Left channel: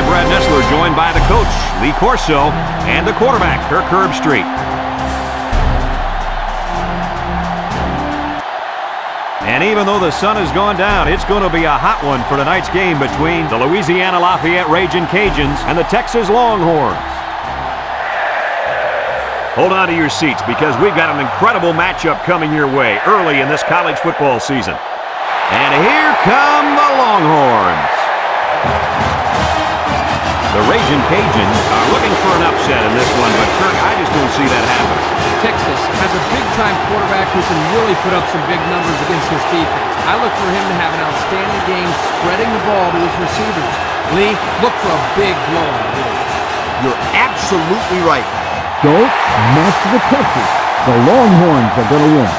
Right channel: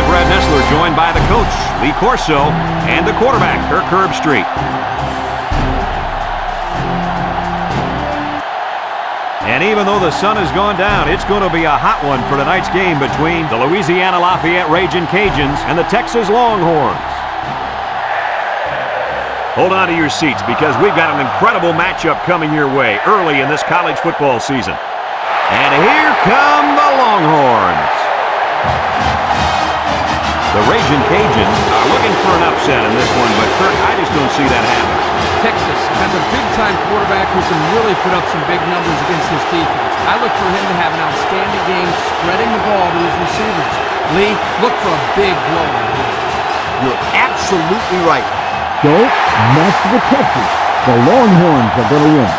I'm Brad Nessler, joined by the coach, Lee Corso, and the quarterback, Kirk Herbstreit. And even though the sun has gone down, it's going to be a hot one for tonight's game between the Louisiana-Lafayette Ragin' Cajuns and the Texas Longhorns. Hold on to your seats because we've got an incredible matchup coming your way early in this college football season. And here come the Longhorns. The Ragin' Cajuns are looking for an upset in this one, but Kirk, I just don't see that happening. Texas has a big-time quarterback who can really put up some big numbers against his defense. I look for him to have an outstanding game spreading the ball to his receivers. Lee, look for a big blowout here. You're absolutely right. Don't mess with Texas. The Longhorns are going to win.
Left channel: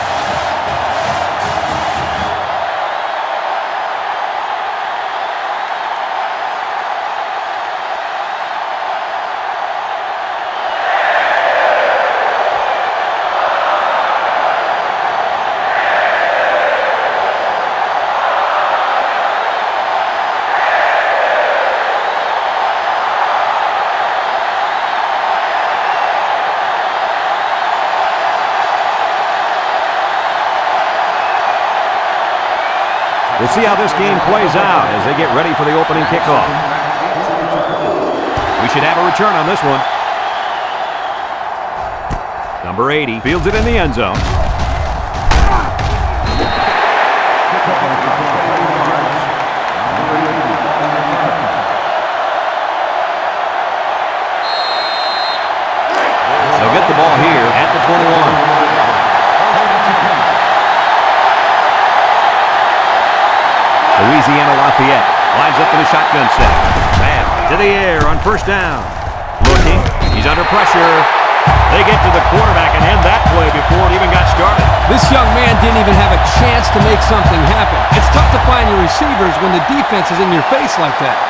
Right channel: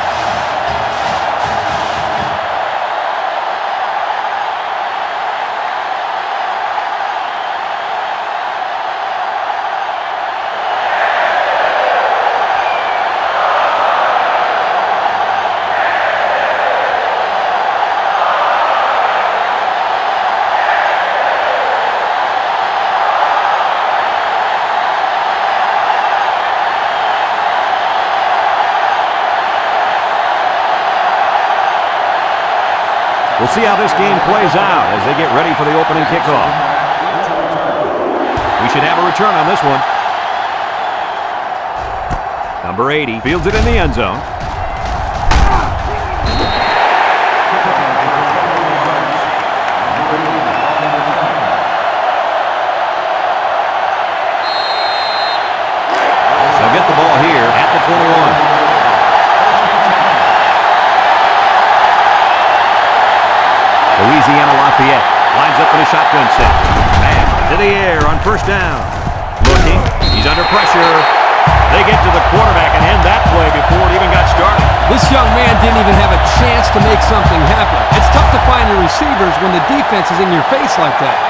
We'll see how this game plays out as they get ready for the opening kickoff. We should have a return on this one. Number 80 fields it in the end zone. They'll get the ball here at the 21. Louisiana-Lafayette lines up in a shotgun set. Bam, to the air on first down. Looking, he's under pressure. They get to the quarterback and end that play before it even got started. This young man didn't even have a chance to make something happen. It's tough to find your receivers when the defense is in your face like that.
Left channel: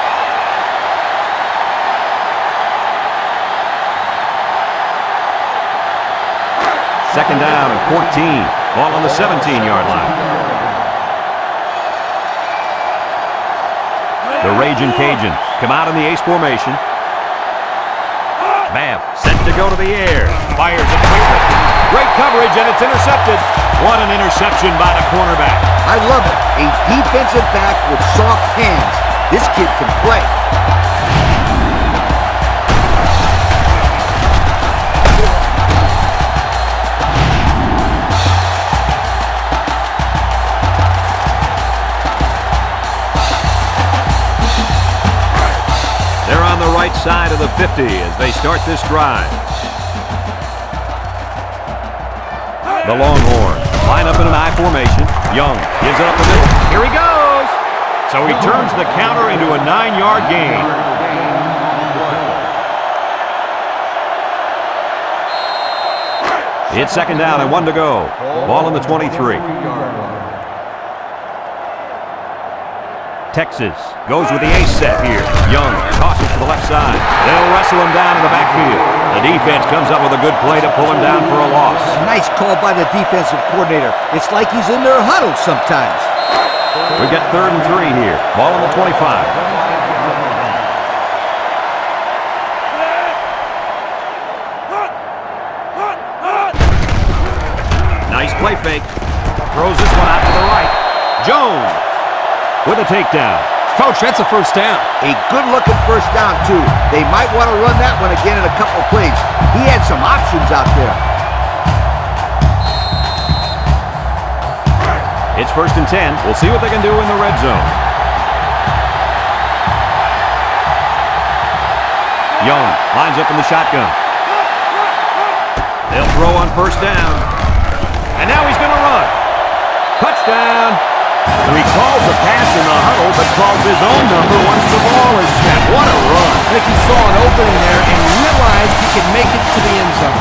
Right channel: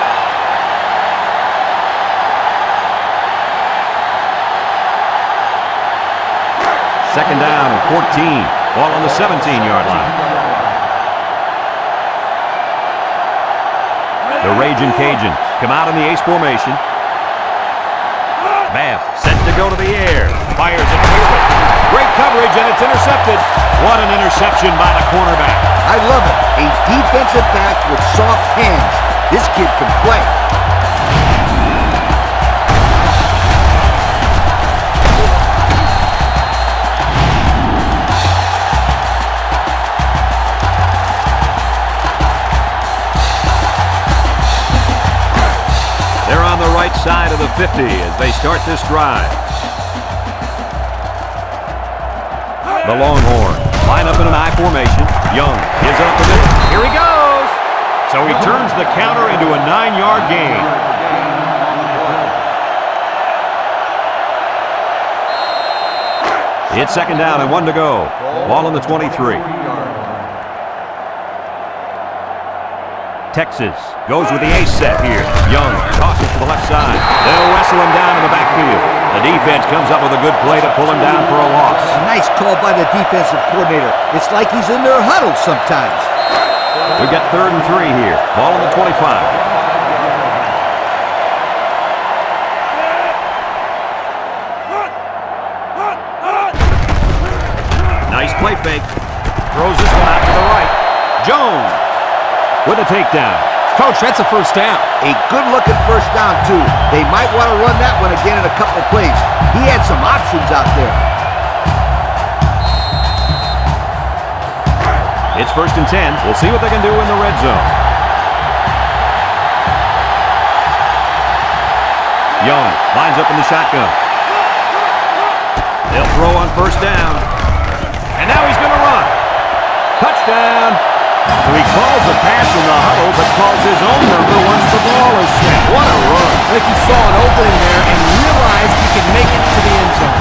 Second down and 14. Ball on the 17-yard line. The Ragin' Cajuns come out in the ace formation. Bam, set to go to the air. Fires it quickly. Great coverage, and it's intercepted. What an interception by the cornerback. I love it. A defensive back with soft hands. This kid can play. They're on the right side of the 50 as they start this drive. The Longhorns line up in an I formation. Young gives it up the middle. Here he goes. So he turns the counter into a 9-yard gain. It's second down and 1 to go. Ball on the 23. Texas goes with the ace set here. Young tosses to the left side. They'll wrestle him down in the backfield. The defense comes up with a good play to pull him down for a loss. A nice call by the defensive coordinator. It's like he's in their huddle sometimes. We've got 3rd and 3 here. Ball on the 25. Nice play fake. Throws this one out to the right. Jones with a takedown. Coach, that's a first down. A good-looking first down, too. They might want to run that one again in a couple plays. He had some options out there. It's 1st and 10. We'll see what they can do in the red zone. Young lines up in the shotgun. They'll throw on first down. And now he's going to run. Touchdown. So he calls a pass in the huddle, but calls his own number once the ball is snapped. What a run. I think he saw an opening there and realized he could make it to the end zone.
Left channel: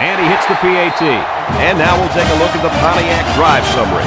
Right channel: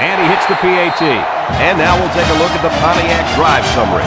And he hits the PAT. And now we'll take a look at the Pontiac drive summary.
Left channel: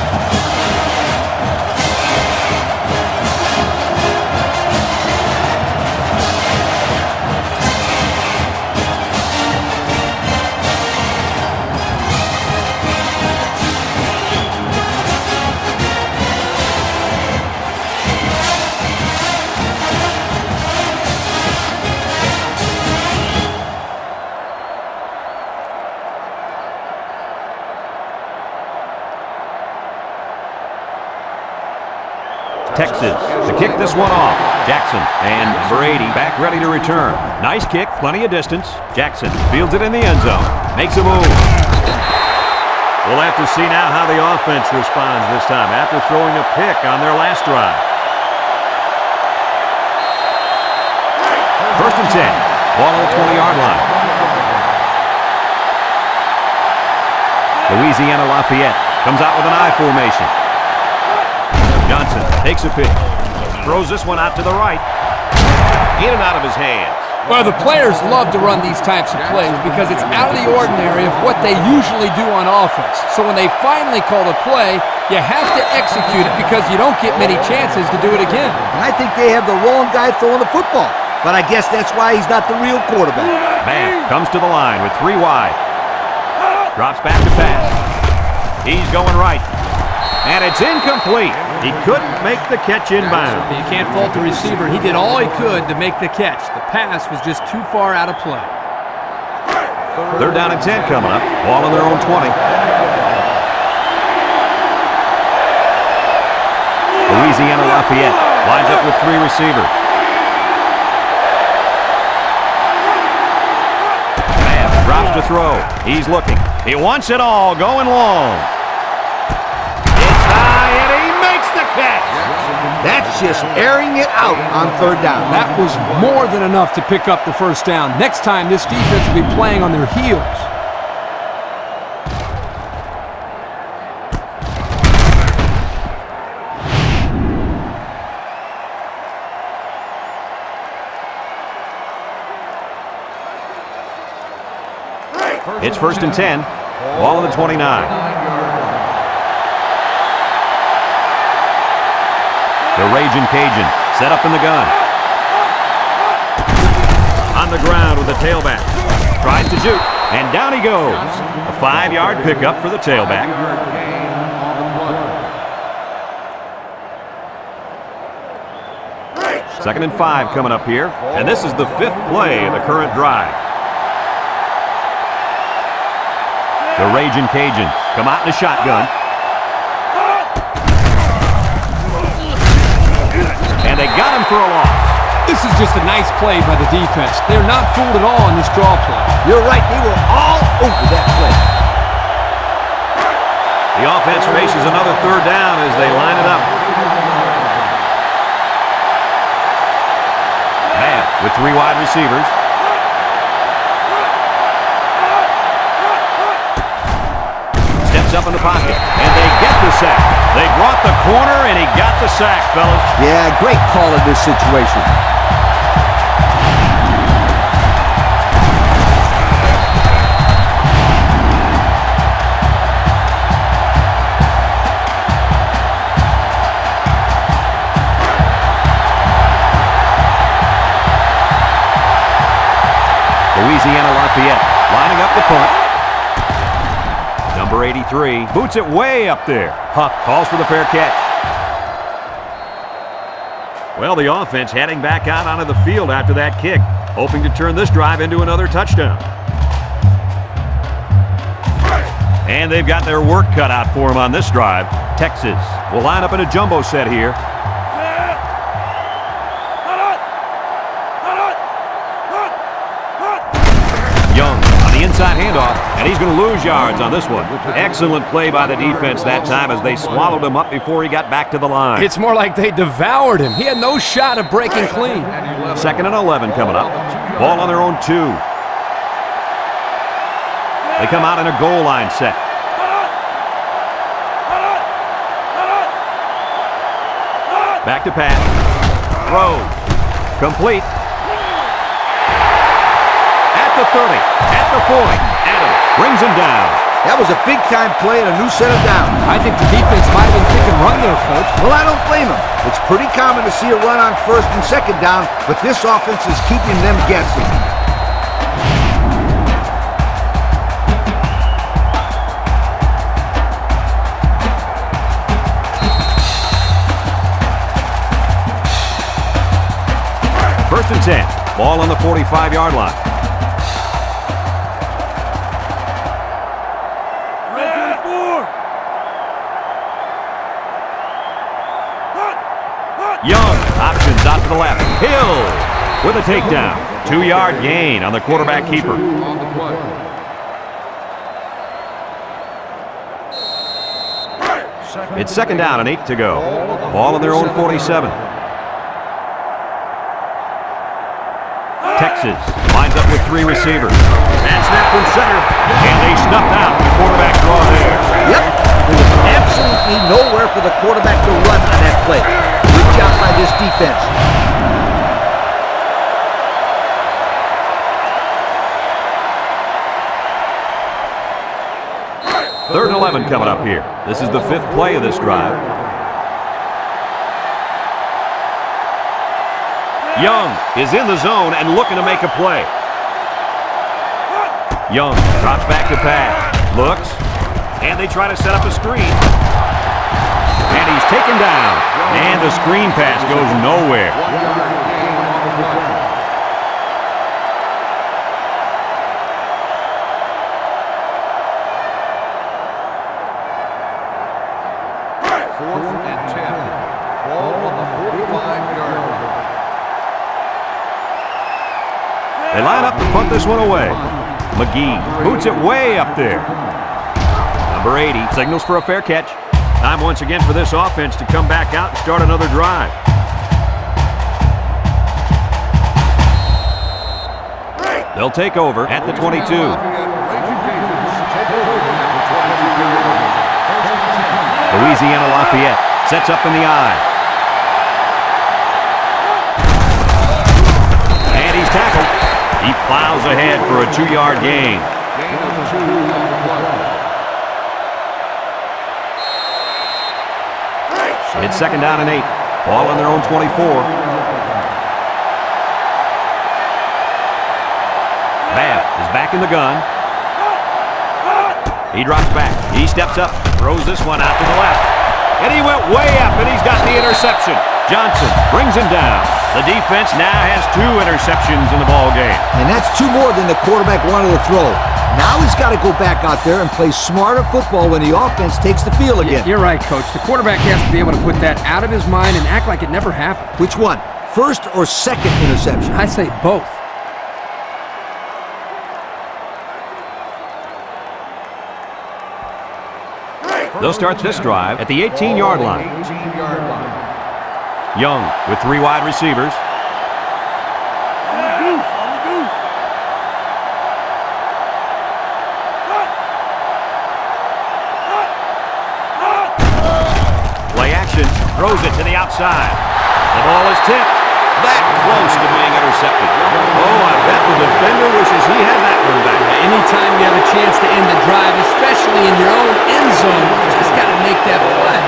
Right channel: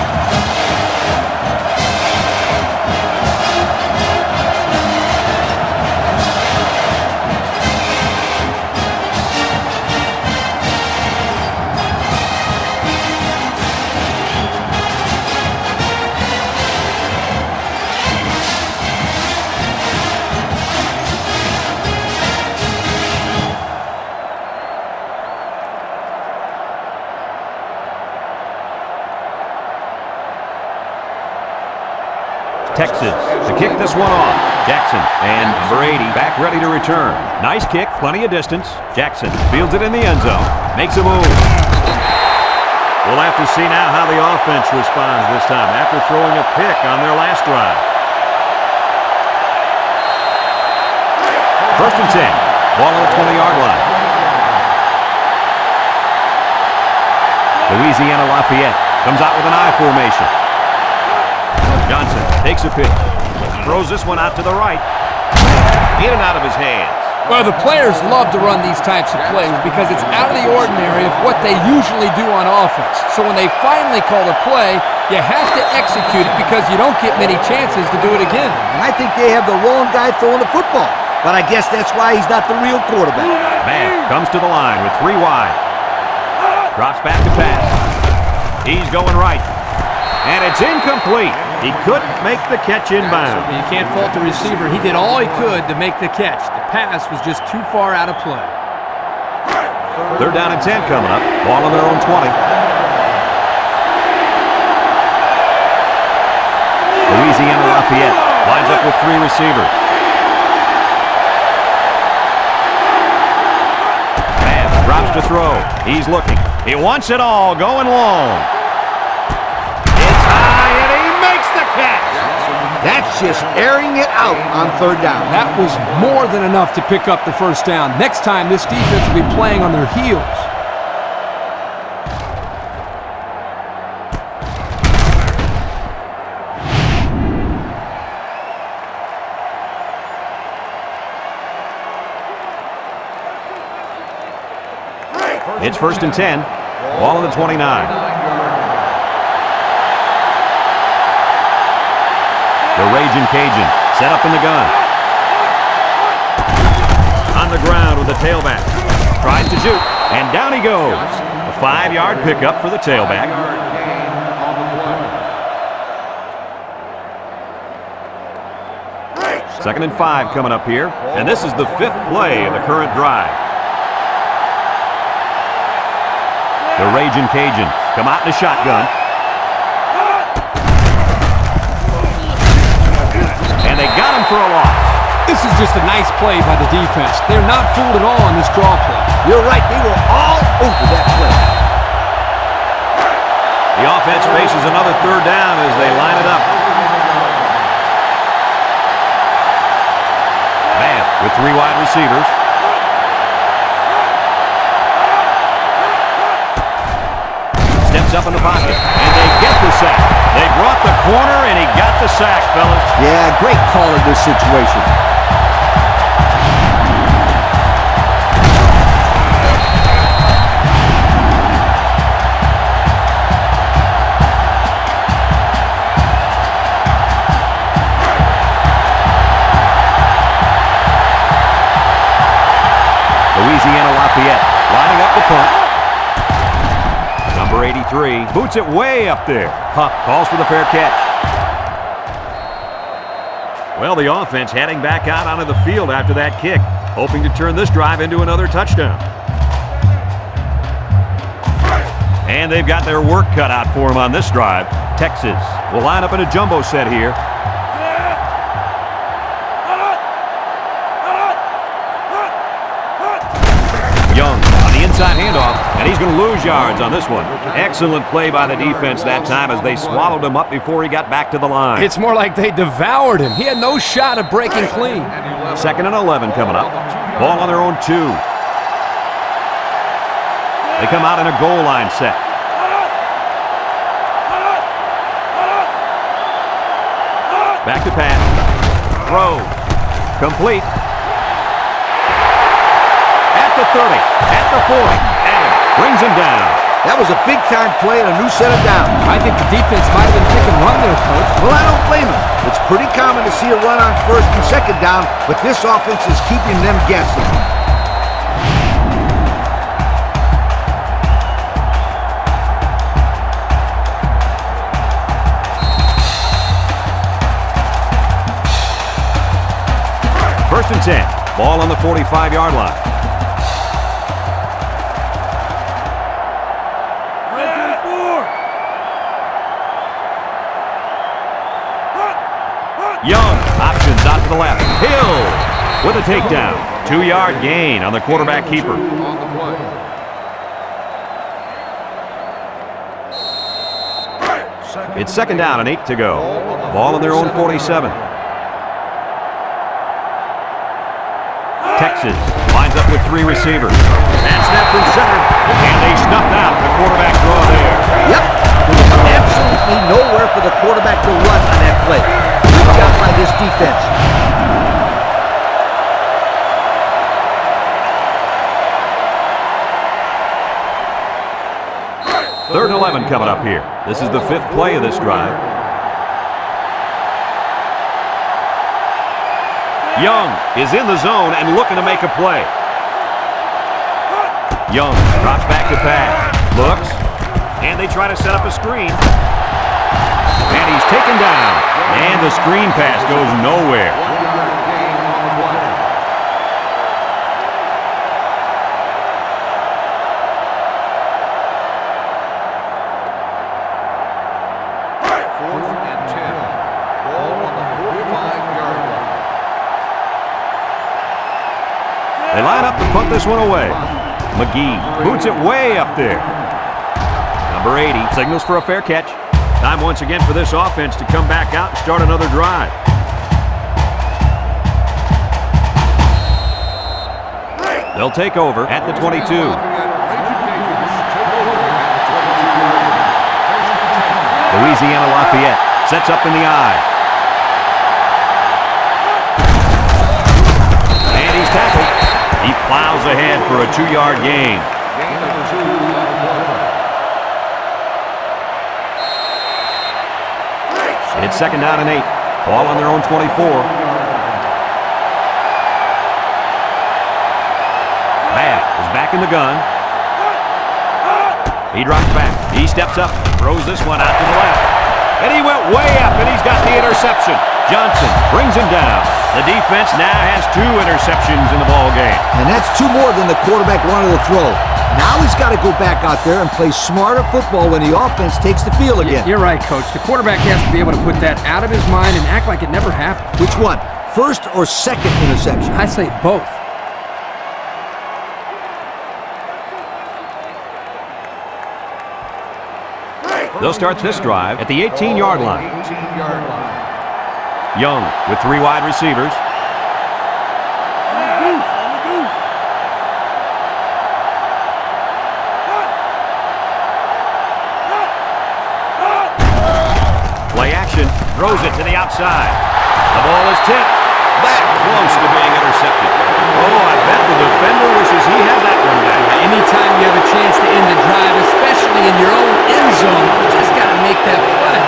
Texas to kick this one off. Jackson and number 80 back ready to return. Nice kick, plenty of distance. Jackson fields it in the end zone. Makes a move. We'll have to see now how the offense responds this time after throwing a pick on their last drive. 1st and 10. Ball on the 20-yard line. Louisiana-Lafayette comes out with an I formation. Johnson takes a pitch. Throws this one out to the right. In and out of his hands. Well, the players love to run these types of plays because it's out of the ordinary of what they usually do on offense. So when they finally call the play, you have to execute it because you don't get many chances to do it again. And I think they have the wrong guy throwing the football. But I guess that's why he's not the real quarterback. Bam comes to the line with 3 wide. Drops back to pass. He's going right. And it's incomplete. He couldn't make the catch inbound. You can't fault the receiver. He did all he could to make the catch. The pass was just too far out of play. 3rd down and 10 coming up. Ball on their own 20. Louisiana-Lafayette lines up with 3 receivers. Bam drops to throw. He's looking. He wants it all, going long. The catch. That's just airing it out on 3rd down. That was more than enough to pick up the 1st down. Next time, this defense will be playing on their heels. It's 1st and 10. Ball on the 29. The Raging Cajun set up in the gun. On the ground with the tailback. Tries to shoot, and down he goes. A 5-yard pickup for the tailback. 2nd and 5 coming up here, and this is the 5th play of the current drive. The Raging Cajuns come out in a shotgun. And they got him for a loss. This is just a nice play by the defense. They're not fooled at all on this draw play. You're right. They were all over that play. The offense faces another 3rd down as they line it up. Bam with 3 wide receivers. Steps up in the pocket, and they get the sack. They brought the corner, and he got the sack, fellas. Yeah, great call in this situation. Louisiana-Lafayette lining up the punt. Number 83 boots it way up there. Huff calls for the fair catch. Well, the offense heading back out onto the field after that kick, hoping to turn this drive into another touchdown. And they've got their work cut out for them on this drive. Texas will line up in a jumbo set here. Young on the inside handoff, and he's going to lose yards on this one. Excellent play by the defense that time as they swallowed him up before he got back to the line. It's more like they devoured him. He had no shot of breaking clean. 2nd and 11 coming up. Ball on their own 2. They come out in a goal line set. Back to pass. Throws. Complete. At the 30, at the 40, Adams brings him down. That was a big-time play and a new set of downs. I think the defense might have been thinking run there, Coach. Well, I don't blame him. It's pretty common to see a run on first and second down, but this offense is keeping them guessing. First and 10. Ball on the 45-yard line. Young, options out to the left. Hill with a takedown. 2-yard gain on the quarterback keeper. On the play. It's second down and 8 to go. Ball on their own 47. Texas lines up with 3 receivers. And snap from center. And they snuffed out the quarterback draw there. Yep. There was absolutely nowhere for the quarterback to run on that play. Good job by this defense. Third and 11 coming up here. This is the 5th play of this drive. Young is in the zone and looking to make a play. Young drops back to pass. Looks. And they try to set up a screen. And he's taken down. And the screen pass goes nowhere. 1-yard gain on the play. Fourth and 10. Ball on the 45-yard line. They line up to punt this one away. McGee boots it way up there. Number 80 signals for a fair catch. Time once again for this offense to come back out and start another drive. They'll take over at the 22. Louisiana Lafayette sets up in the I. And he's tackled. He plows ahead for a 2-yard gain. Gain of 2 on the play. It's second down and 8. Ball on their own 24. Babb is back in the gun. He drops back. He steps up, throws this one out to the left. And he went way up, and he's got the interception. Johnson brings him down. The defense now has 2 interceptions in the ball game. And that's 2 more than the quarterback wanted to throw. Now he's got to go back out there and play smarter football when the offense takes the field again. You're right, Coach. The quarterback has to be able to put that out of his mind and act like it never happened. Which one? First or second interception? I say both. They'll start this drive at the 18-yard line. 18-yard line. Young with 3 wide receivers. Play action, throws it to the outside. The ball is tipped. That close to being intercepted. Oh, I bet the defender wishes he had that one back. Anytime you have a chance to end the drive, especially in your own end zone, you just got to make that play.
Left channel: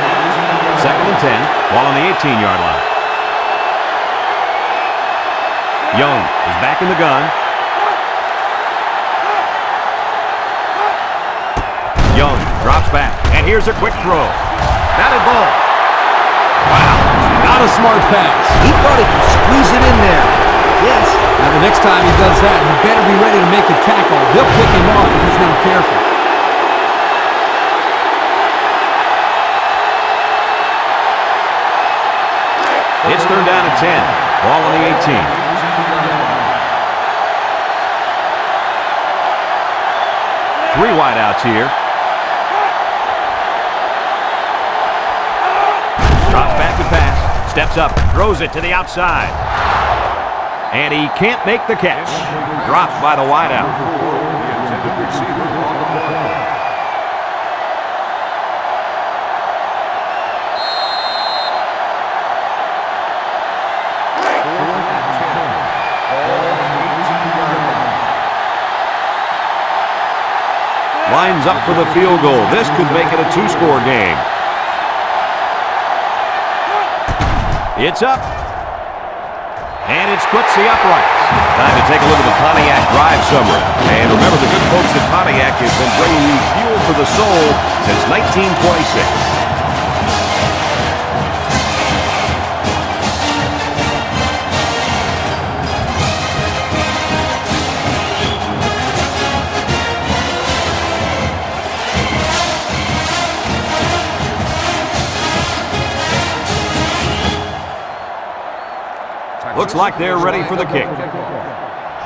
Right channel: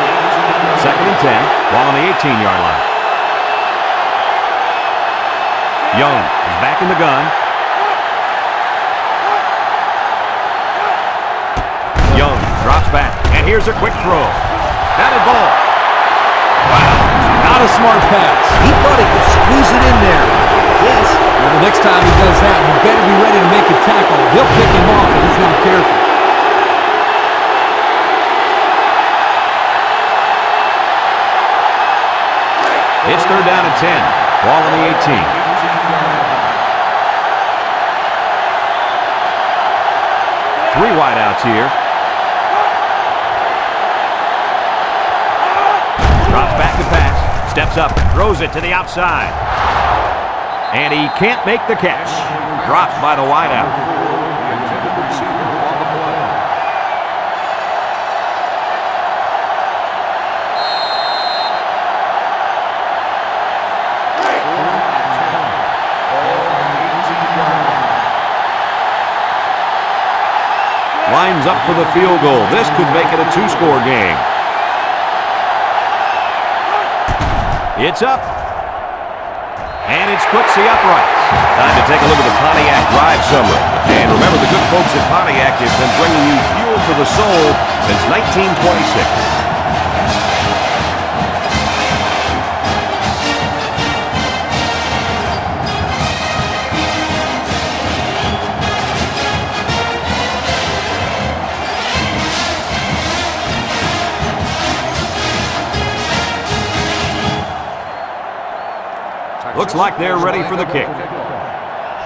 Second and 10, ball on the 18-yard line. Young is back in the gun. Young drops back, and here's a quick throw. Batted ball. Wow, not a smart pass. He thought he could squeeze it in there. Yes. Now the next time he does that, he better be ready to make the tackle. They'll pick him off if he's not careful. It's third down and 10. Ball on the 18. 18-yard line. 3 wideouts here. Drops back to pass. Steps up. Throws it to the outside. And he can't make the catch. Dropped by the wideout. The intended receiver on the play. Fourth and 10. Ball on the 18-yard line. lines up for the field goal. This could make it a two-score game. It's up. And it splits the uprights. Time to take a look at the Pontiac drive summary. And remember, the good folks at Pontiac have been bringing you fuel for the soul since 1926. Looks like they're ready for the kick.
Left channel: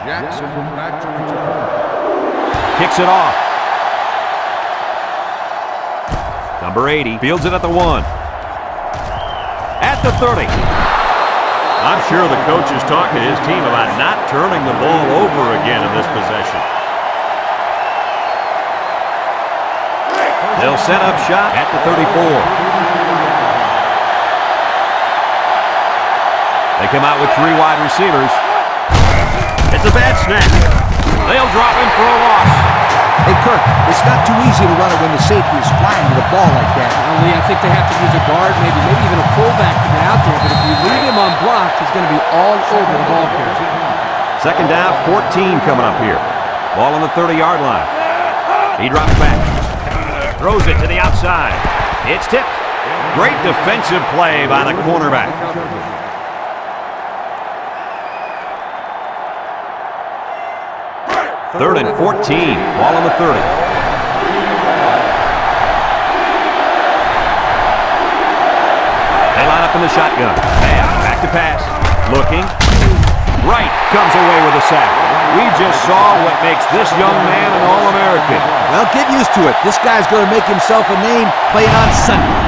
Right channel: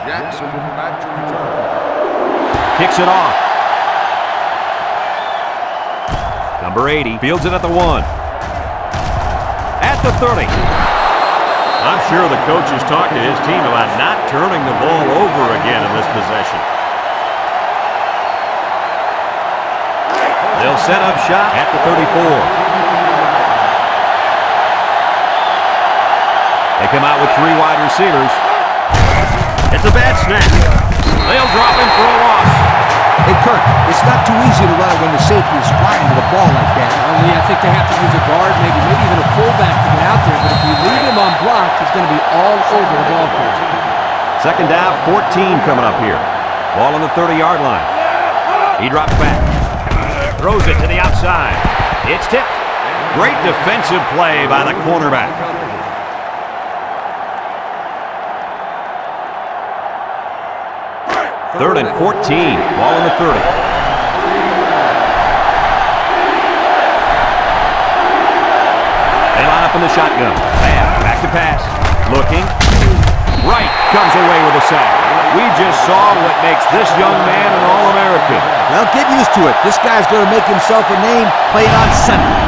Jackson back to return. Kicks it off. Number 80 fields it at the 1. At the 30. I'm sure the coach has talked to his team about not turning the ball over again in this possession. They'll set up shop at the 34. They come out with 3 wide receivers. It's a bad snap. They'll drop him for a loss. Hey, Kirk, it's not too easy to run it when the safety is flying to the ball like that. Well, Lee, I think they have to use a guard, maybe even a fullback to get out there. But if you leave him on block, he's going to be all over the ball carrier. Second down, 14 coming up here. Ball on the 30-yard line. He drops back. Throws it to the outside. It's tipped. Great defensive play by the cornerback. Third and 14. Ball on the 30. They line up in the shotgun. Bam. Back to pass. Looking. Right. Comes away with a sack. We just saw what makes this young man an All-American. Well, get used to it. This guy's going to make himself a name playing on Sunday.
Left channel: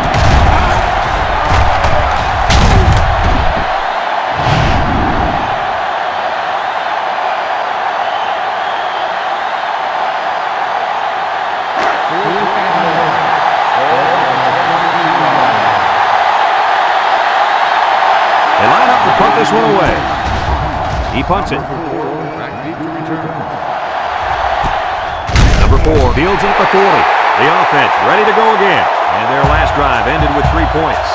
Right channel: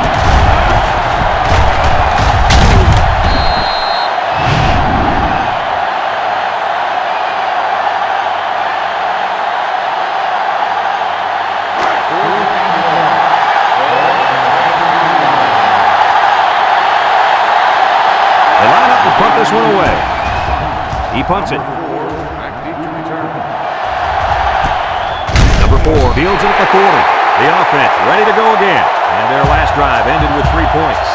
They line up to punt this one away. He punts it. Back deep to return. Number 4 fields it at the 40. The offense ready to go again. And their last drive ended with 3 points.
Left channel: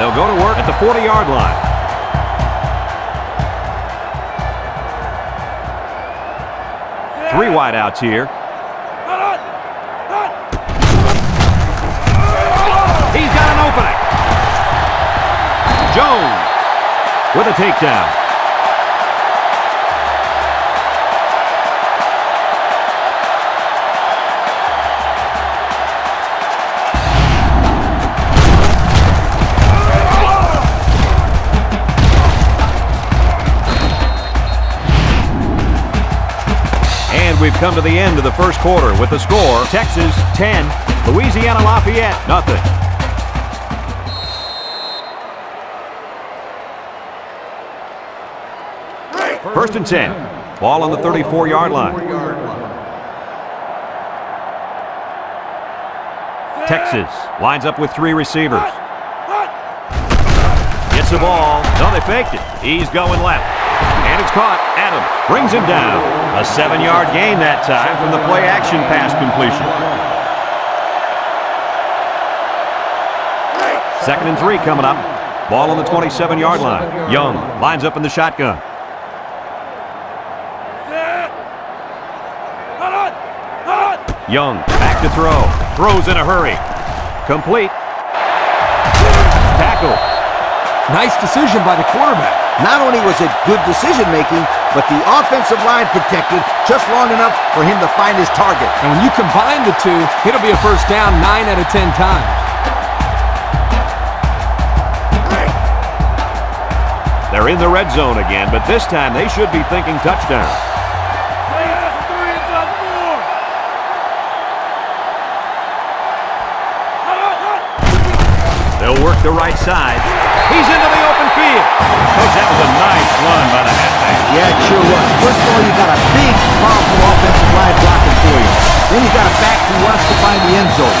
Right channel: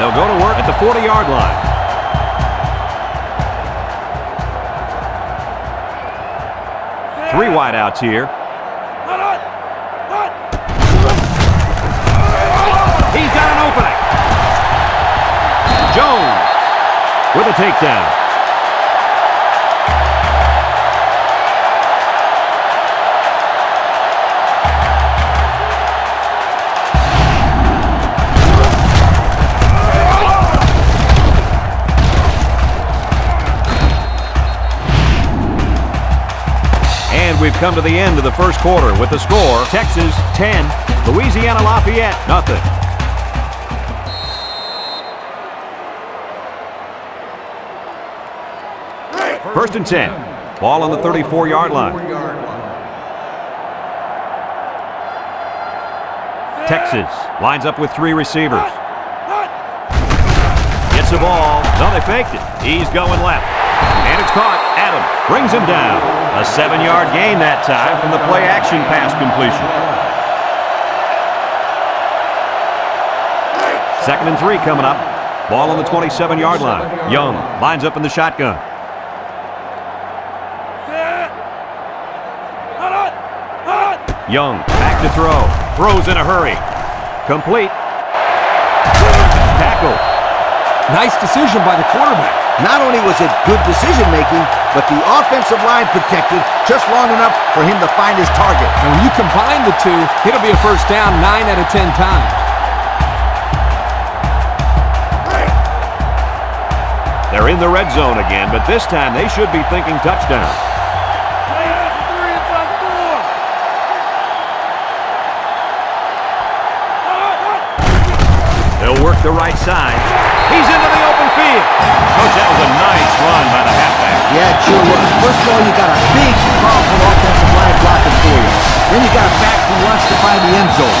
They'll go to work at the 40-yard line. Three wideouts here. He's got an opening. Jones with a takedown. And we've come to the end of the first quarter with the score, Texas 10, Louisiana Lafayette nothing. First and 10. Ball on the 34-yard line. Texas lines up with 3 receivers. Gets the ball. No, they faked it. He's going left. And it's caught. Adams brings him down. A 7-yard gain that time from the play-action pass completion. Second and 3 coming up. Ball on the 27-yard line. Young lines up in the shotgun. Young back to throw. Throws in a hurry. Complete. Tackle. Nice decision by the quarterback. Not only was it good decision-making, but the offensive line protected just long enough for him to find his target. And when you combine the two, it'll be a first down 9 out of 10 times. They're in the red zone again, but this time they should be thinking touchdown. They'll work the right side. He's into the open field. Coach, that was a nice run by the halfback. Yeah, it sure was. First of all, you got a big, powerful offensive line blocking for you. Then you got a back who wants to find the end zone.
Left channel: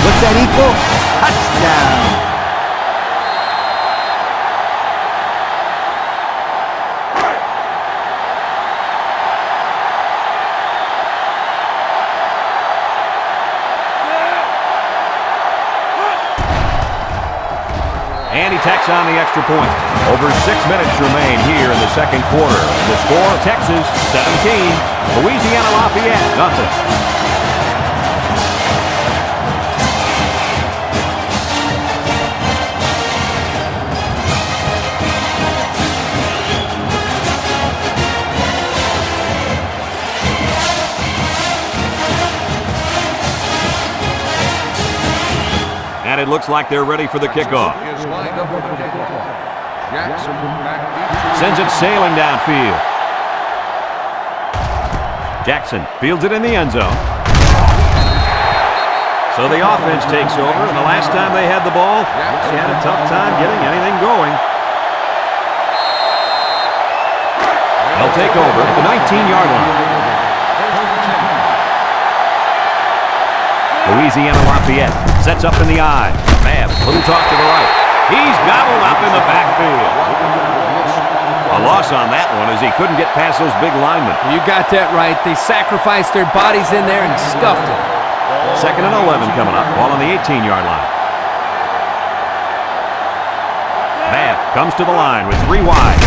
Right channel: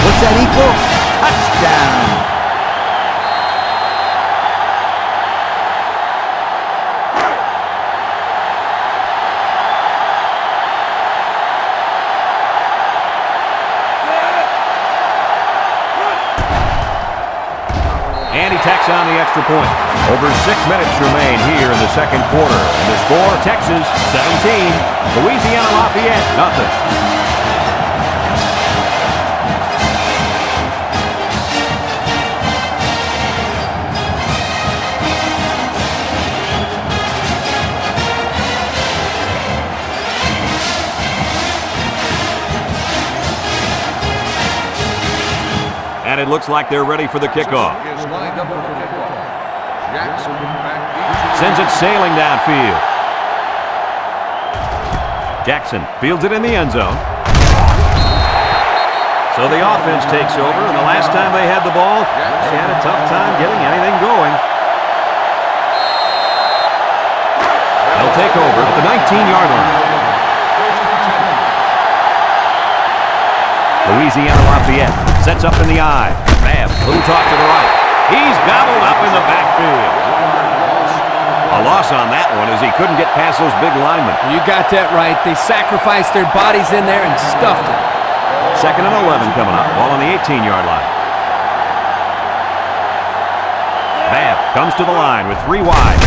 What's that equal? Touchdown. he tacks on the extra point. Over 6 minutes remain here in the second quarter. And the score, Texas 17, Louisiana-Lafayette nothing. And it looks like they're ready for the kickoff. Is lined up for the kickoff. Jackson back deep. Sends it sailing downfield. Jackson fields it in the end zone. So the offense takes over, and the last time they had the ball, they had a tough time getting anything going. They'll take over at the 19-yard line. Louisiana-Lafayette sets up in the I. Babb, little toss to the right. He's gobbled up in the backfield. A loss on that one as he couldn't get past those big linemen. You got that right. They sacrificed their bodies in there and stuffed it. 2nd and 11 coming up. Ball on the 18-yard line. Babb comes to the line with 3 wide.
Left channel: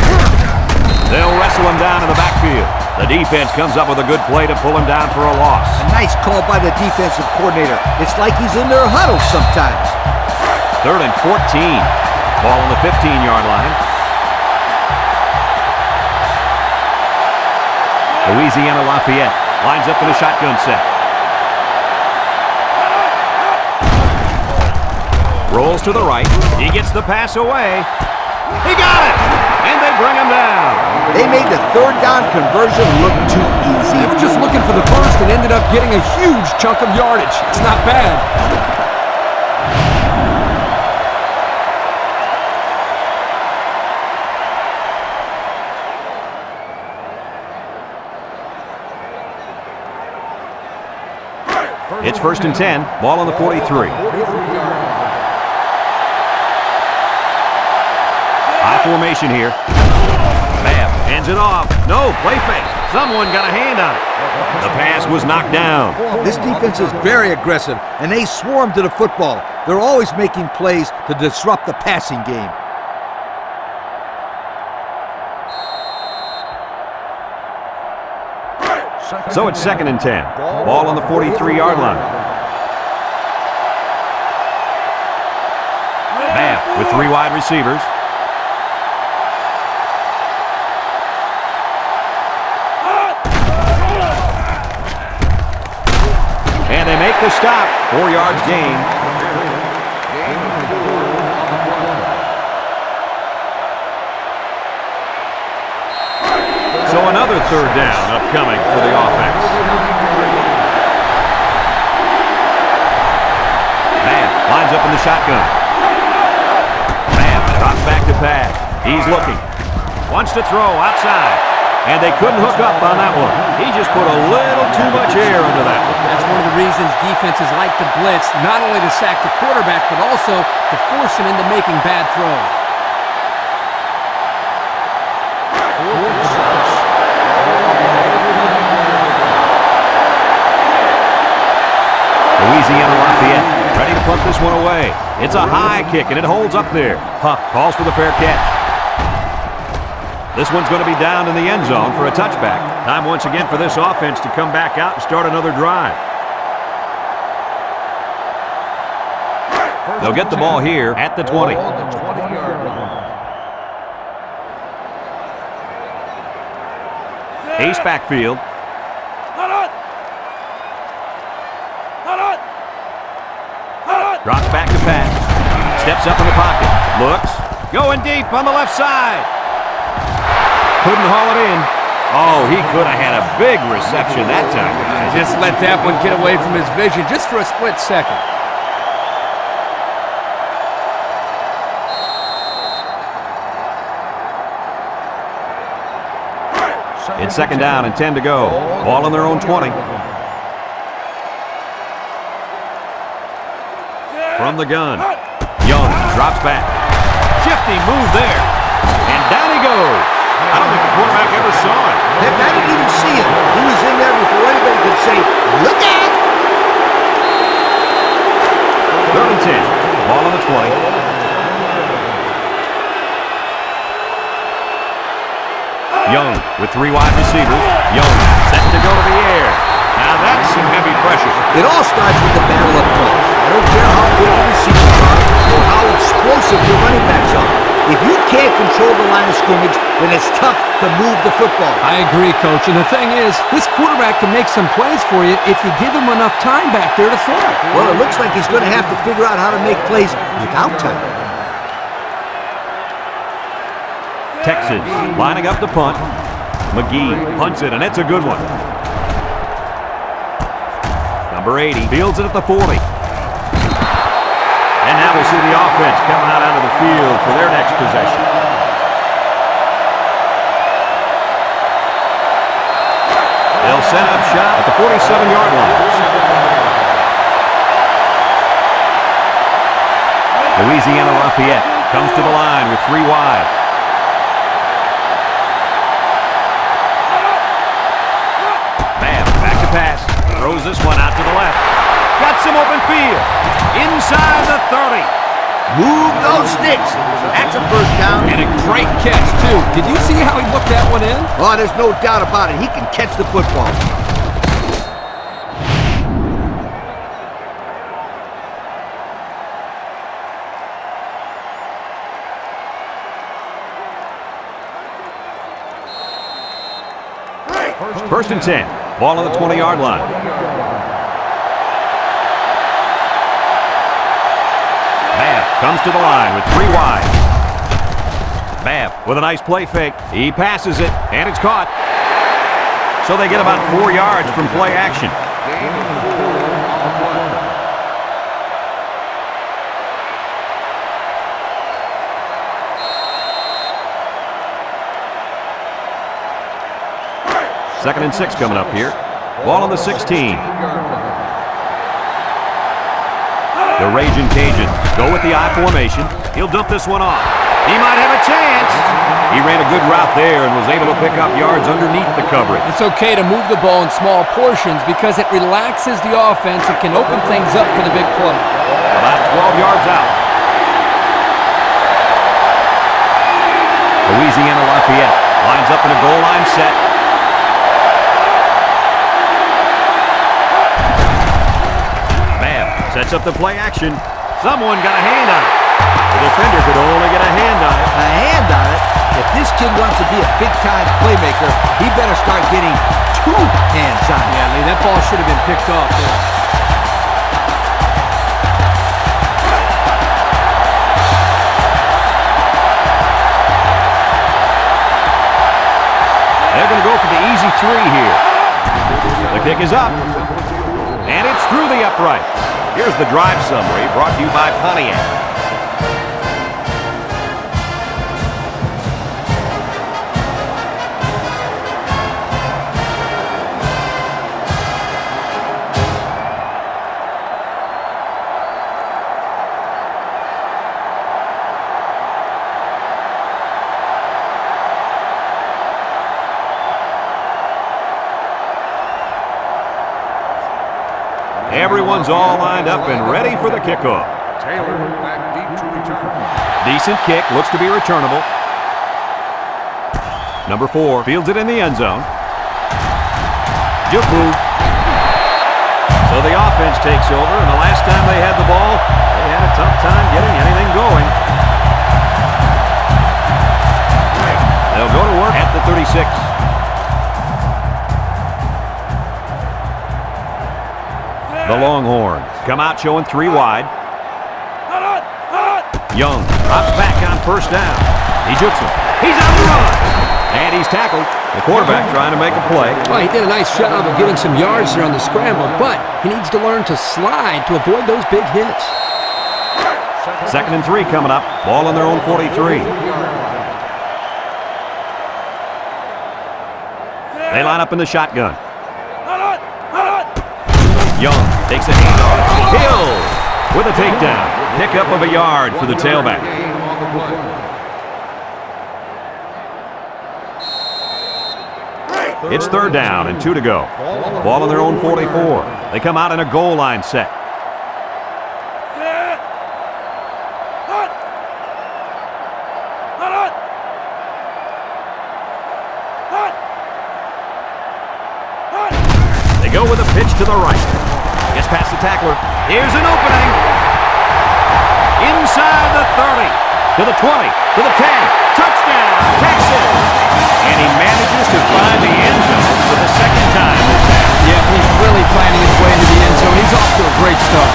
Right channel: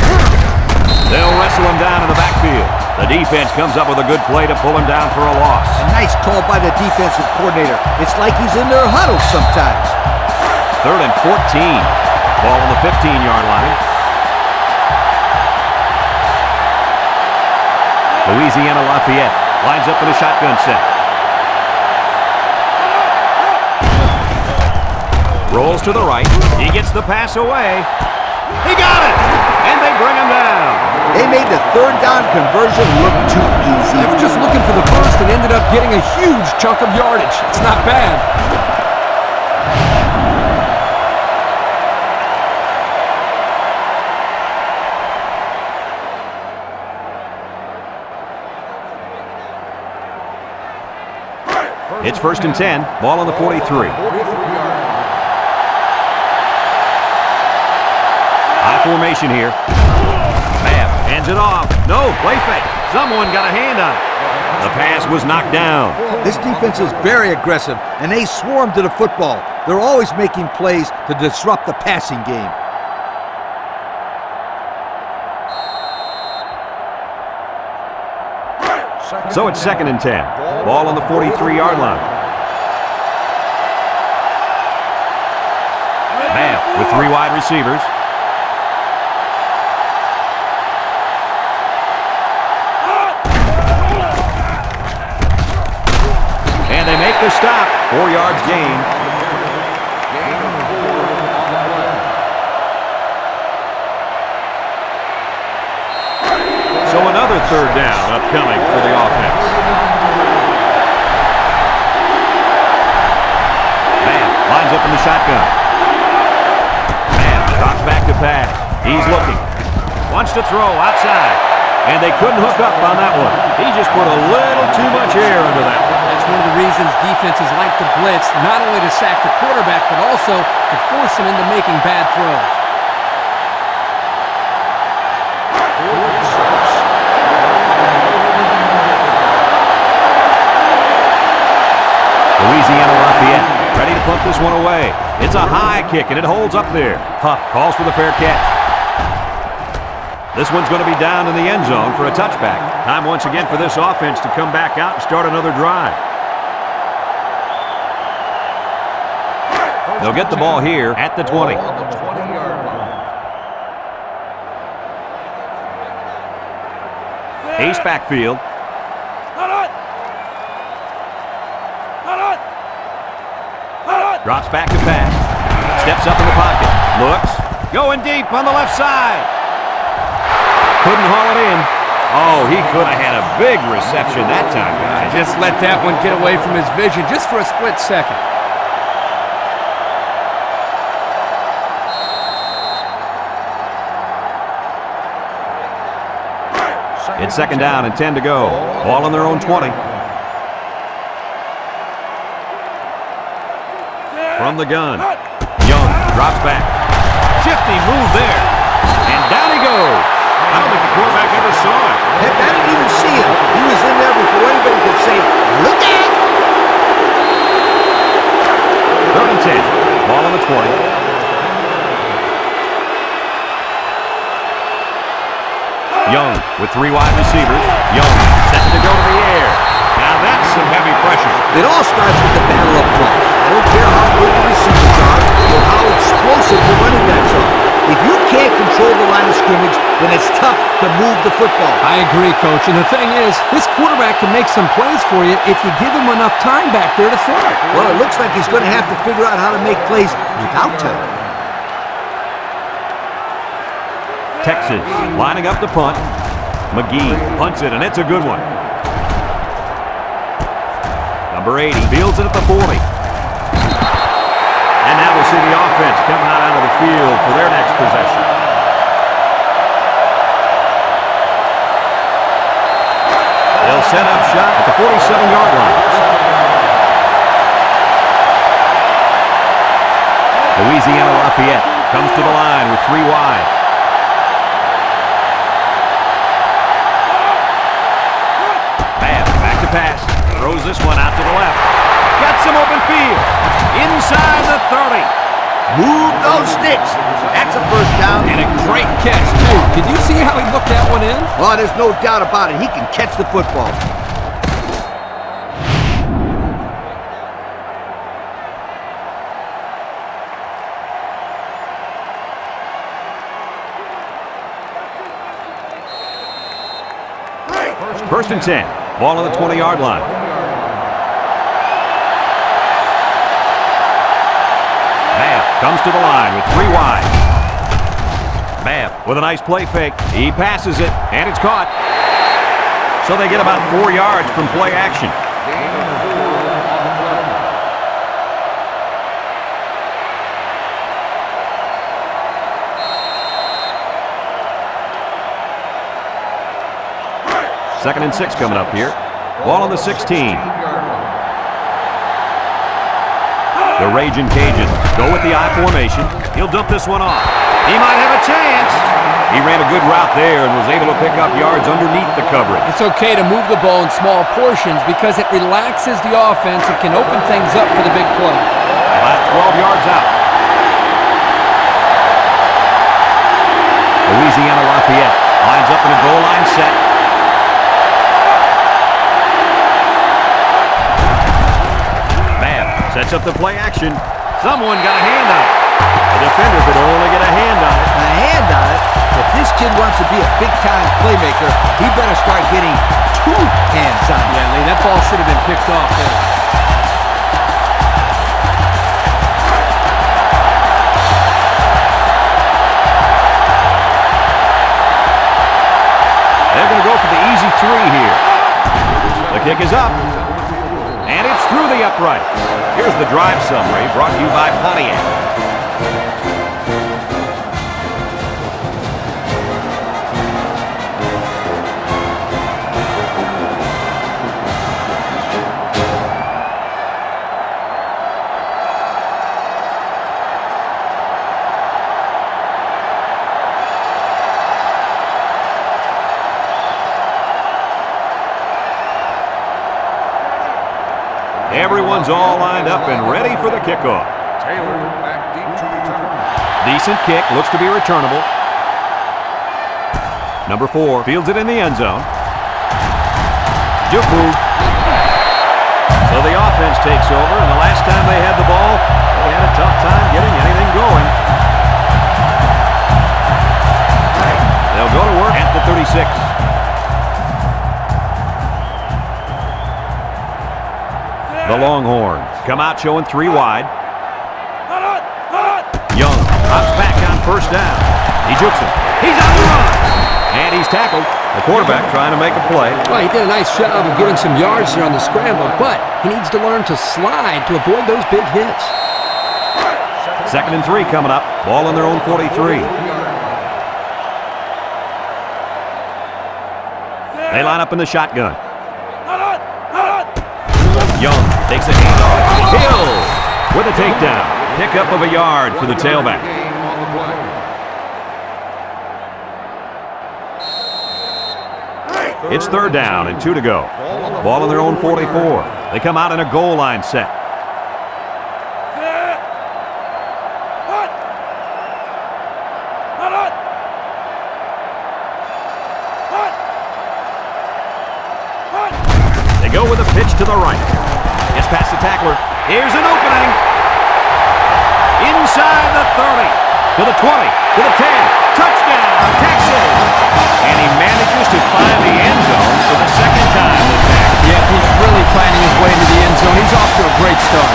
They'll wrestle him down in the backfield. The defense comes up with a good play to pull him down for a loss. A nice call by the defensive coordinator. It's like he's in their huddle sometimes. 3rd and 14. Ball on the 15-yard line. Louisiana-Lafayette lines up in a shotgun set. Rolls to the right. He gets the pass away. He got it! And they bring him down. They made the 3rd down conversion look too easy. They were just looking for the first and ended up getting a huge chunk of yardage. It's not bad. It's 1st and 10. Ball on the 43. 43-yard line. High formation here. Babb hands it off. No, play fake. Someone got a hand on it. The pass was knocked down. This defense is very aggressive, and they swarm to the football. They're always making plays to disrupt the passing game. So it's 2nd and 10. Ball on the 43-yard line. Babb with 3 wide receivers. And they make the stop. 4 yards gain. On the carry. Gain of 4 on the play. So another 3rd down upcoming for the offense. Babb lines up in the shotgun. Babb drops back to pass. He's looking. Wants to throw outside. And they couldn't hook up on that one. He just put a little too much air under that one. That's one of the reasons defenses like to blitz, not only to sack the quarterback, but also to force him into making bad throws. 4th and 6. Louisiana-Lafayette ready to punt this one away. It's a high kick, and it holds up there. Huff calls for the fair catch. This one's going to be down in the end zone for a touchback. Time once again for this offense to come back out and start another drive. They'll get the ball here at the 20. On the 20-yard line. Ace backfield. Drops back to pass. Steps up in the pocket. Looks. Going deep on the left side. Couldn't haul it in. Oh, he could have had a big reception that time, guys. Just let that one get away from his vision just for a split second. It's 2nd down and 10 to go. Ball on their own 20. From the gun. Young drops back. Shifty move there. And down he goes. I don't think the quarterback ever saw it. Heck, I didn't even see him. He was in there before anybody could say, look out! 3rd and 10. Ball on the 20. Young with 3 wide receivers. Young set to go to the air. Now that's some heavy pressure. It all starts with the battle up front. I don't care how good the receivers are or how explosive your running backs are. If you can't control the line of scrimmage, then it's tough to move the football. I agree, Coach. And the thing is, this quarterback can make some plays for you if you give him enough time back there to throw. Well, it looks like he's going to have to figure out how to make plays without time. Texas lining up the punt. McGee punts it, and it's a good one. Number 80 fields it at the 40. And now we'll see the offense come out onto the field for their next possession. They'll set up shop at the 47-yard line. Louisiana-Lafayette comes to the line with 3 wide. Back to pass. Throws this one out to the left. Got some open field. Inside the 30. Move those sticks. That's a first down. And a great catch, too. Did you see how he looked that one in? Oh, there's no doubt about it. He can catch the football. First and 10. Ball on the 20-yard line. Babb comes to the line with 3 wide. Babb with a nice play fake. He passes it, and it's caught. So they get about 4 yards from play action. Gain of 4 on the play. Second and 6 coming up here. Ball on the 16. The Raging Cajuns go with the I formation. He'll dump this one off. He might have a chance. He ran a good route there and was able to pick up yards underneath the coverage. It's okay to move the ball in small portions because it relaxes the offense and can open things up for the big play. About 12 yards out. Louisiana-Lafayette lines up in a goal line set. Sets up the play action. Someone got a hand on it. The defender could only get a hand on it. A hand on it? If this kid wants to be a big-time playmaker, he better start getting 2 hands on it. Yeah, Lee, that ball should have been picked off there. They're going to go for the easy 3 here. The kick is up. And it's through the upright. Here's the drive summary brought to you by Pontiac. Everyone's all lined up and ready for the kickoff. Taylor back deep to return. Decent kick, looks to be returnable. Number 4 fields it in the end zone. Juke move. So the offense takes over, and the last time they had the ball, they had a tough time getting anything going. They'll go to work at the 36. The Longhorns come out showing 3 wide. Young drops back on first down. He jukes him. He's on the run. And he's tackled. The quarterback trying to make a play. Well, he did a nice job of getting some yards there on the scramble, but he needs to learn to slide to avoid those big hits. Second and 3 coming up. Ball on their own 43. They line up in the shotgun. Young takes a handoff. Hill with a takedown. Pickup of a yard for the tailback. It's third down and 2 to go. Ball on their own 44. They come out in a goal line set. They go with a pitch to the right. Gets past the tackler. Here's an opening. Inside the 30. To the 20. To the 10. Touchdown, Texas. And he manages to find the end zone for the second time this half. Yeah, he's really finding his way into the end zone. He's off to a great start.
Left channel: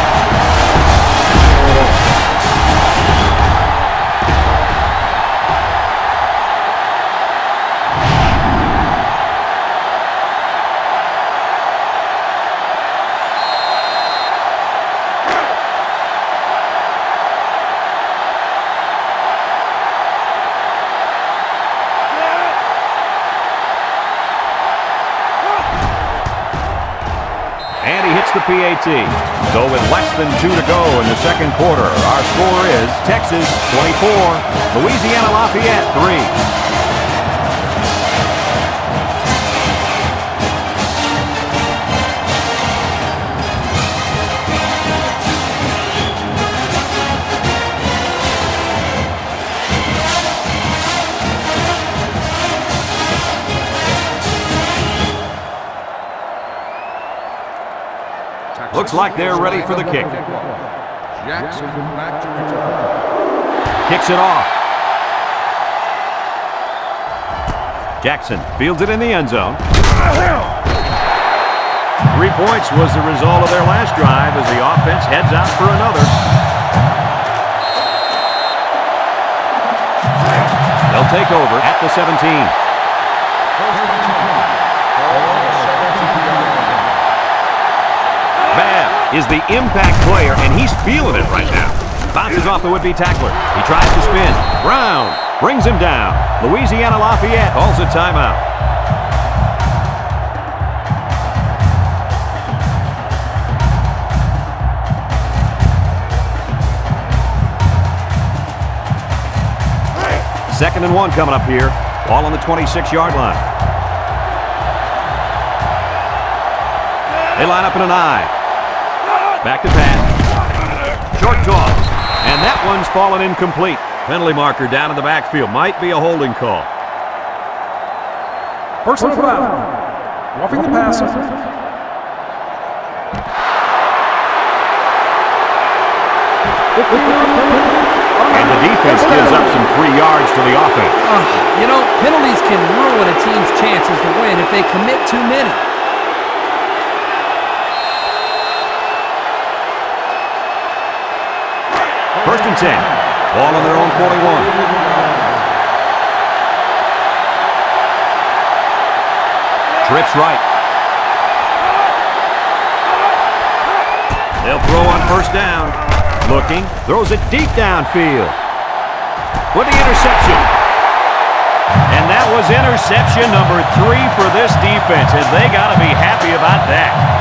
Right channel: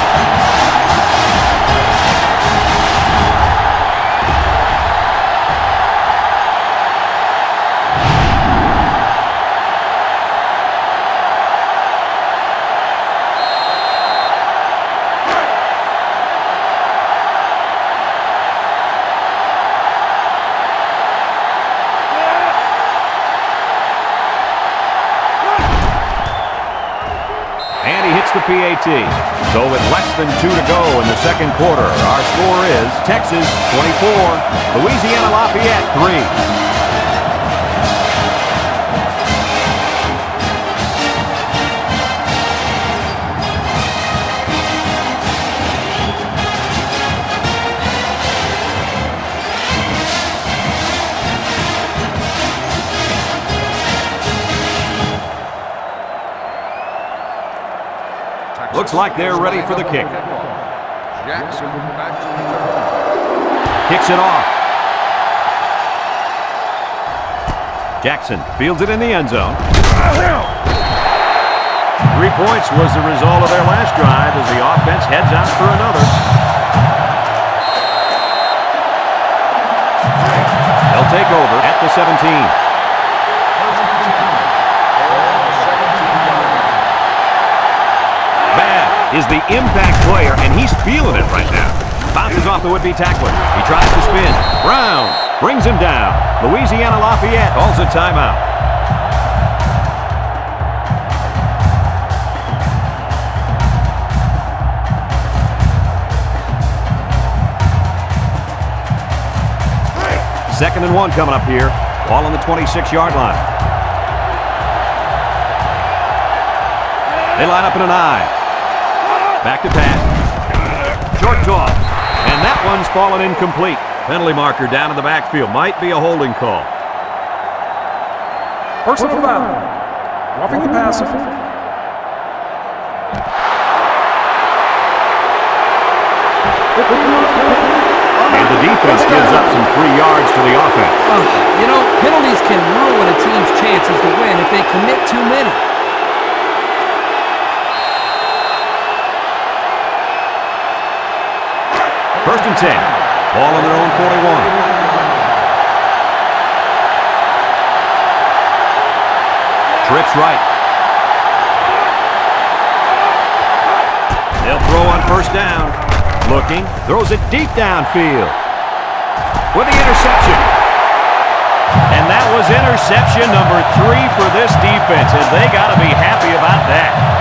And he hits the PAT. So with less than 2 to go in the second quarter, our score is Texas 24, Louisiana Lafayette 3. Looks like they're ready for the kick. Jackson back to return. Kicks it off. Jackson fields it in the end zone. 3 points was the result of their last drive as the offense heads out for another. They'll take over at the 17. First and 10. Ball on the 17-yard line. Babb is the impact player, and he's feeling it right now. Bounces off the would-be tackler. He tries to spin. Brown brings him down. Louisiana Lafayette calls a timeout. Second and 1 coming up here. Ball on the 26-yard line. They line up in an I. Back to pass. Short toss. And that one's fallen incomplete. Penalty marker down in the backfield. Might be a holding call. Personal foul. Roughing the passer. And the defense gives up some free yards to the offense. You know, penalties can ruin a team's chances to win if they commit too many. First and 10. Ball on their own 41. Trips right. They'll throw on first down. Looking. Throws it deep downfield. With the interception. And that was interception number 3 for this defense, and they got to be happy about that.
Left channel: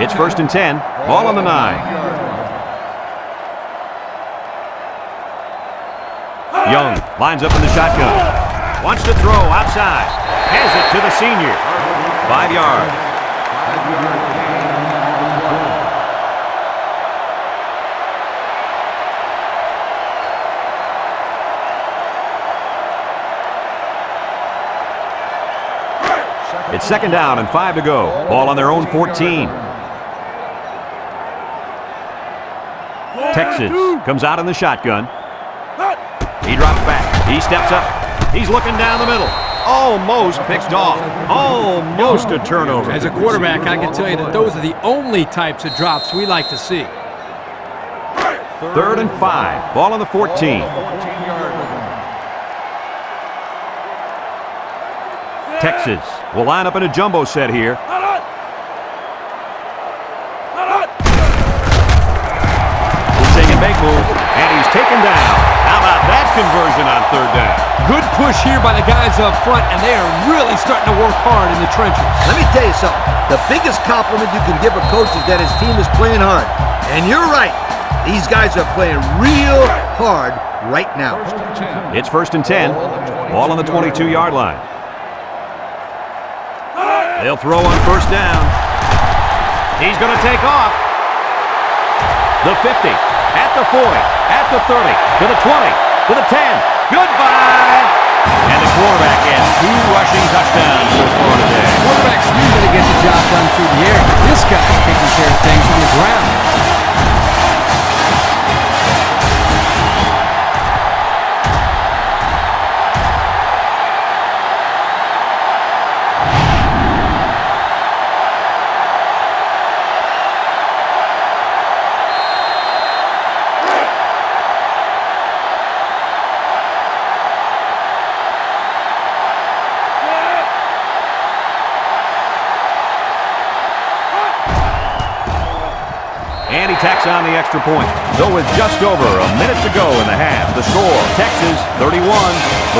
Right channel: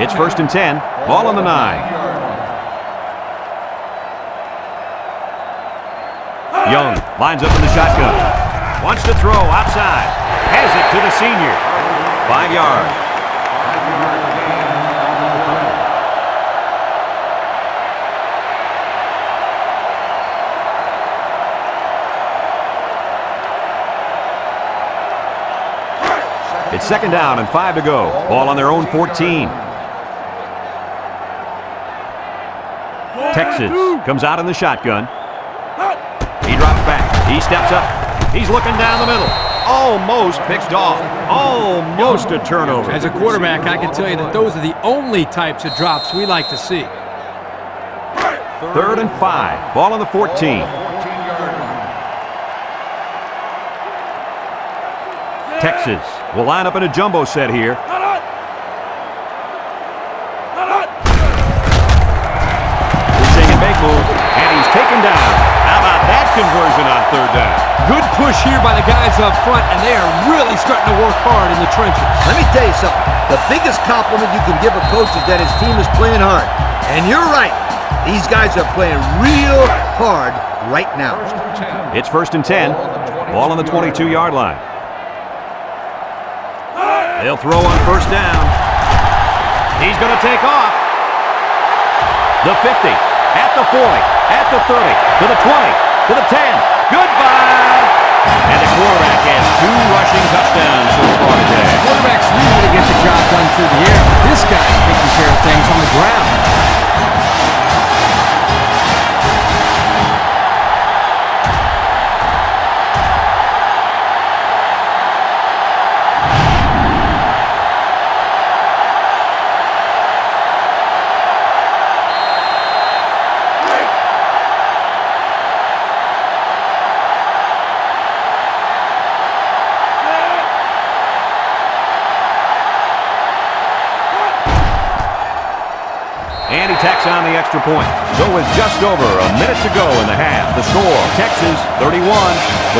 It's first and 10. Ball on the 9. Young lines up in the shotgun. Wants to throw outside. Has it to the senior. 5 yards. 5-yard gain on the play. It's second down and 5 to go. Ball on their own 14. Texas comes out in the shotgun. He drops back. He steps up. He's looking down the middle. Almost picked off. Almost a turnover. As a quarterback, I can tell you that those are the only types of drops we like to see. Third and 5. Ball on the 14. 14-yard line. Texas will line up in a jumbo set here. Big move, and he's taken down. How about that conversion on third down? Good push here by the guys up front, and they are really starting to work hard in the trenches. Let me tell you something. The biggest compliment you can give a coach is that his team is playing hard. And you're right. These guys are playing real hard right now. First and 10. It's first and 10. Ball on the 22-yard line. They'll throw on first down. He's going to take off. The 50, at the 40, at the 30, to the 20, to the 10. Goodbye! And the quarterback has 2 rushing touchdowns so far today. Quarterbacks usually get the job done through the air. This guy's taking care of things on the ground. And he tacks on the extra point. So with just over a minute to go in the half, the score, Texas 31,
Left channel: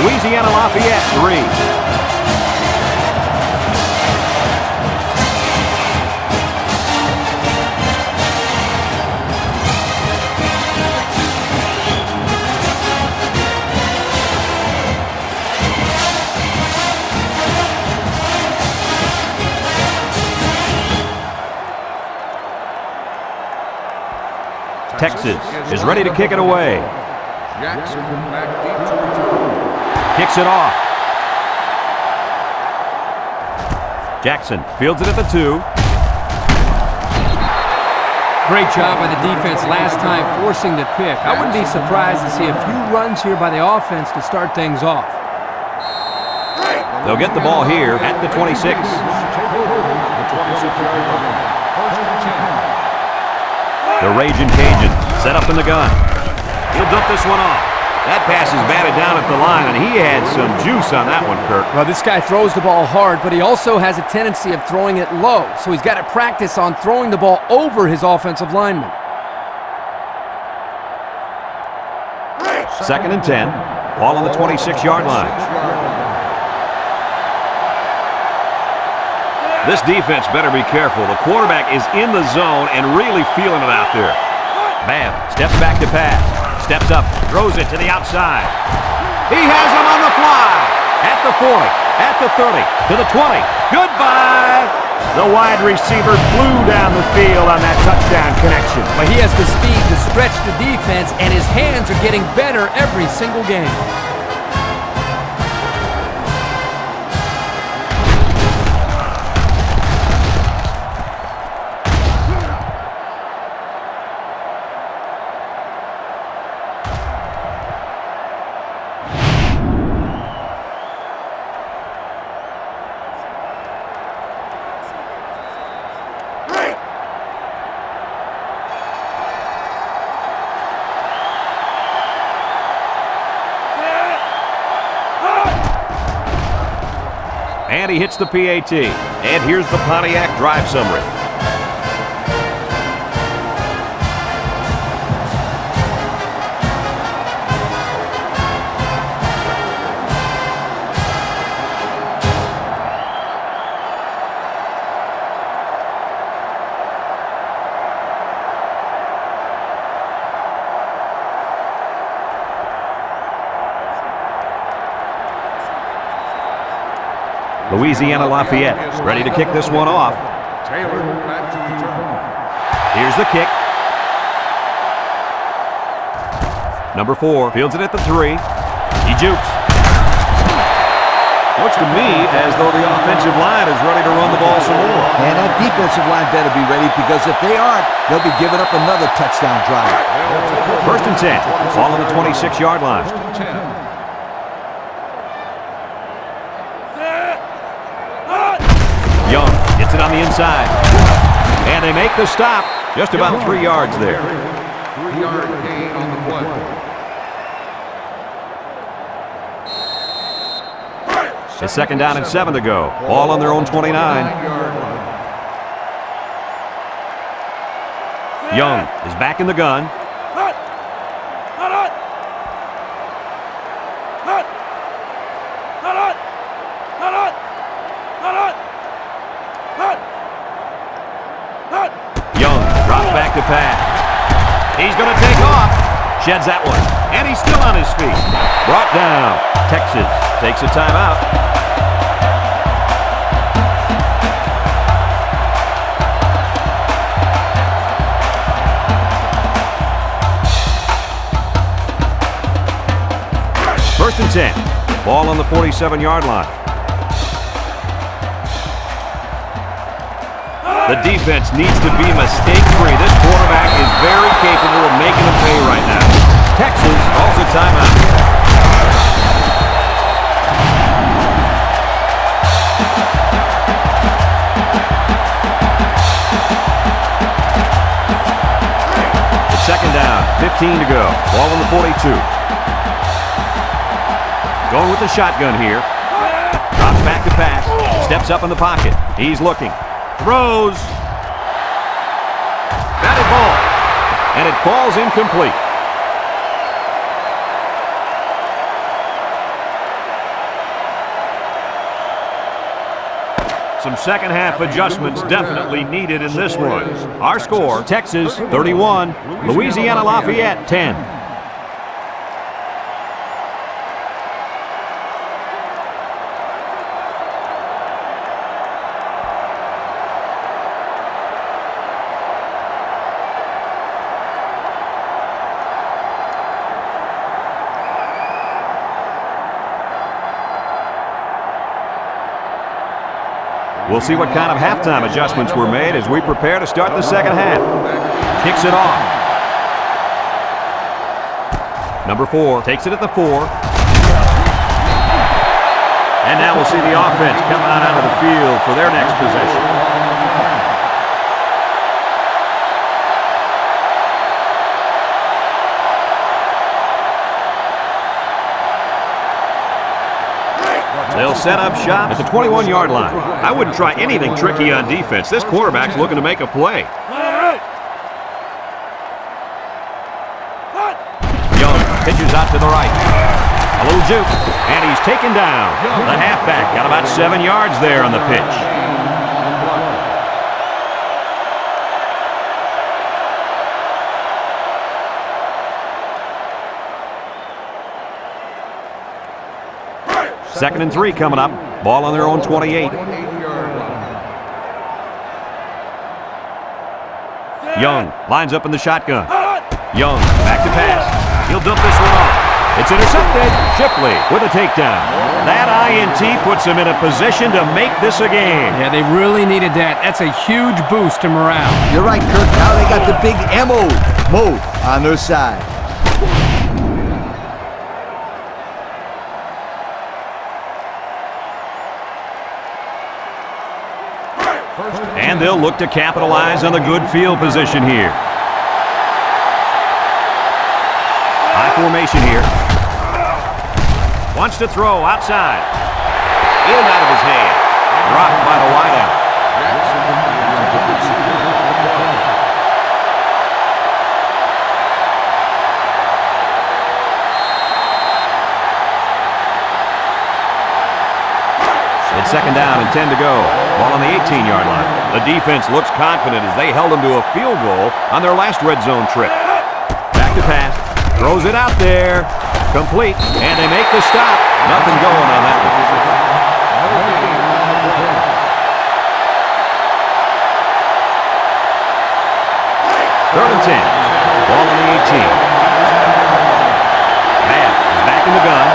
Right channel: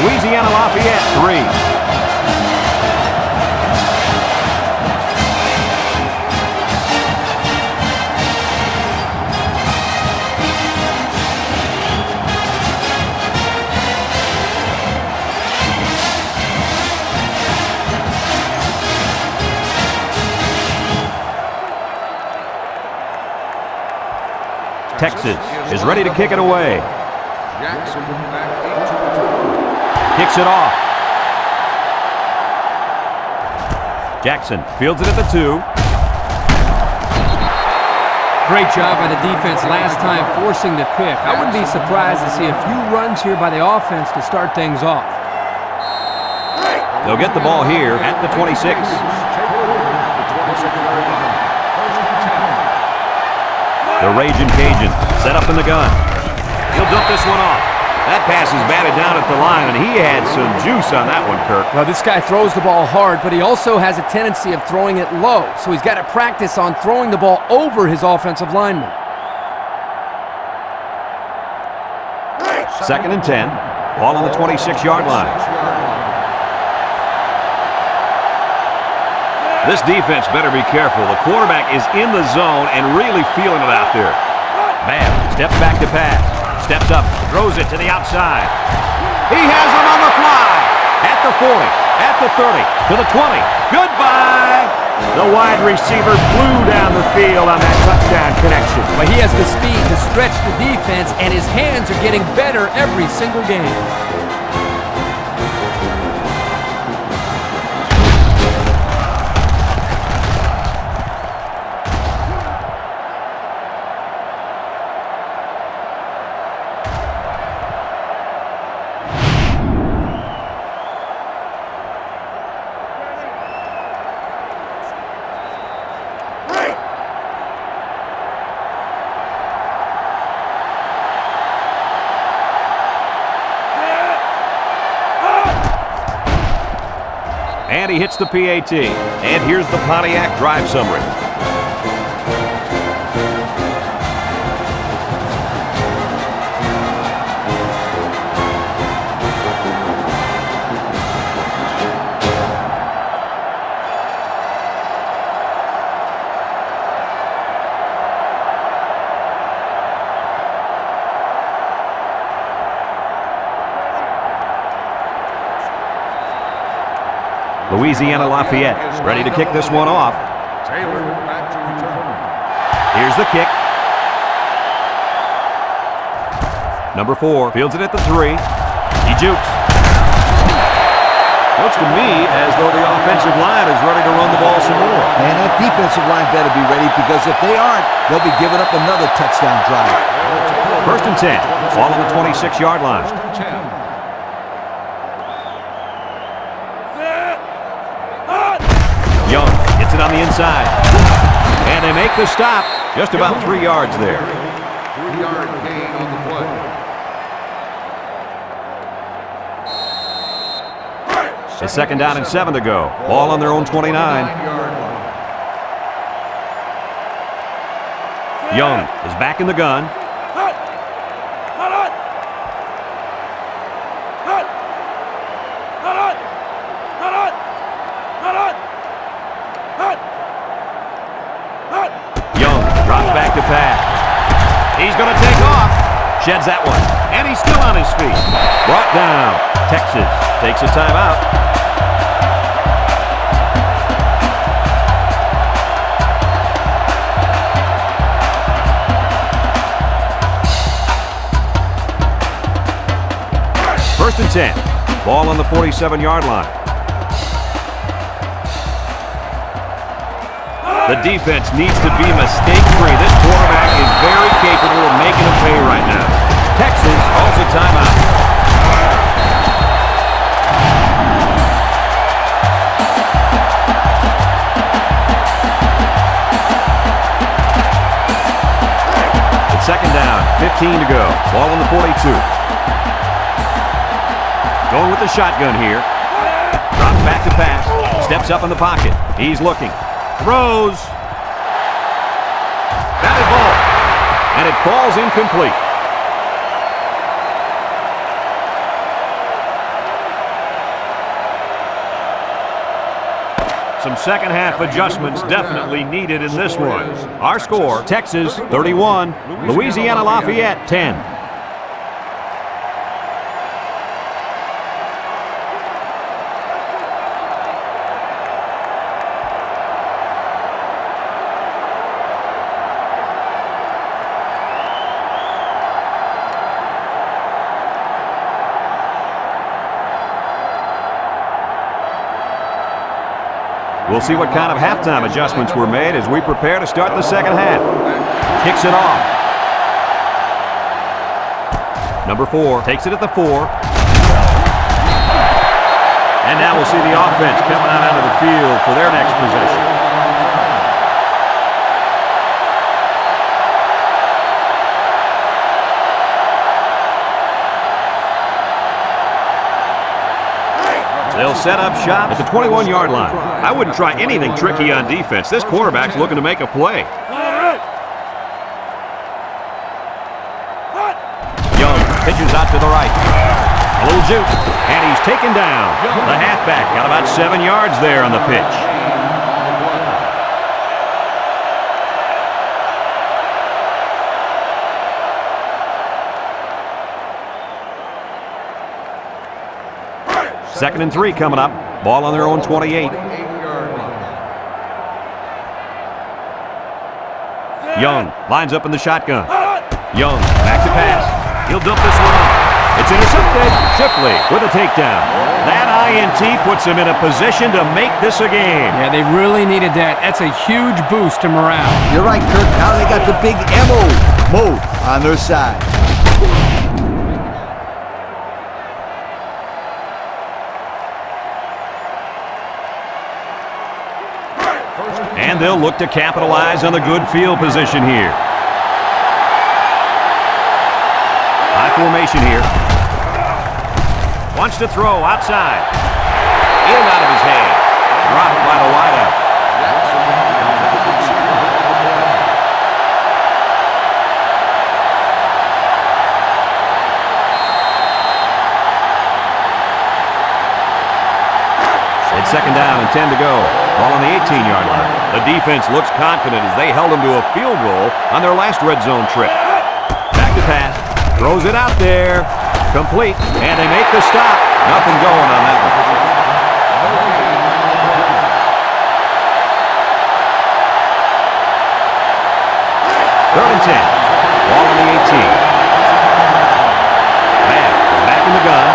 Louisiana-Lafayette 3. Texas is ready to kick it away. Jackson back deep to return. Kicks it off. Jackson fields it at the 2. Great job by the defense last time forcing the pick. I wouldn't be surprised to see a few runs here by the offense to start things off. They'll get the ball here at the 26. Take over at the 26-yard line. First and 10. The Raging Cajuns set up in the gun. He'll dump this one off. That pass is batted down at the line, and he had some juice on that one, Kirk. Well, this guy throws the ball hard, but he also has a tendency of throwing it low, so he's got to practice on throwing the ball over his offensive lineman. Second and 10. Ball on the 26-yard line. This defense better be careful. The quarterback is in the zone and really feeling it out there. Bam, steps back to pass. Steps up, throws it to the outside. He has him on the fly. At the 40, at the 30, to the 20. Goodbye! The wide receiver flew down the field on that touchdown connection. But he has the speed to stretch the defense, and his hands are getting better every single game. And he hits the PAT. And here's the Pontiac drive summary. Louisiana-Lafayette ready to kick this one off. Taylor back to return. Here's the kick. Number 4 fields it at the 3. He jukes. Looks to me as though the offensive line is ready to run the ball some more. And that defensive line better be ready, because if they aren't, they'll be giving up another touchdown drive. First and 10. Ball on the 26-yard line. First and 10. Young gets it on the inside. And they make the stop. Just about 3 yards there. 3-yard gain on the play. It's second down and 7 to go. Ball on their own 29. 29-yard line. Young is back in the gun. Young drops back to pass. He's going to take off. Sheds that one. And he's still on his feet. Brought down. Texas takes a timeout. and 10. Ball on the 47-yard line. The defense needs to be mistake-free. This quarterback is very capable of making them pay right now. Texas calls a timeout. It's second down, 15 to go. Ball on the 42. Going with the shotgun here. Drops back to pass. Steps up in the pocket. He's looking. Throws. Batted ball. And it falls incomplete. Some second half adjustments definitely needed in this one. Our score, Texas 31, Louisiana Lafayette 10. We'll see what kind of halftime adjustments were made as we prepare to start the second half. Kicks it off. Number 4 takes it at the 4. And now we'll see the offense coming out of the field for their next possession. They'll set up shop at the 21-yard line. I wouldn't try anything tricky on defense. This quarterback's looking to make a play. Young pitches out to the right. A little juke, and he's taken down. The halfback got about 7 yards there on the pitch. Second and 3 coming up. Ball on their own 28. Young lines up in the shotgun. Young back to pass. He'll dump this one off. It's intercepted. Shipley with a takedown. That INT puts him in a position to make this a game. Yeah, they really needed that. That's a huge boost to morale. You're right, Kirk. Now they got the big MO mode on their side. And they'll look to capitalize on the good field position here. High formation here. Wants to throw outside. In and out of his hands. Dropped by the wideout. Jackson, the intended receiver on the play. It's second down and 10 to go. Ball on the 18-yard line. The defense looks confident as they held them to a field goal on their last red zone trip. Back to pass. Throws it out there. Complete. And they make the stop. Nothing going on that one. No gain on the play. Third and 10. Ball on the 18. Babb is back in the gun.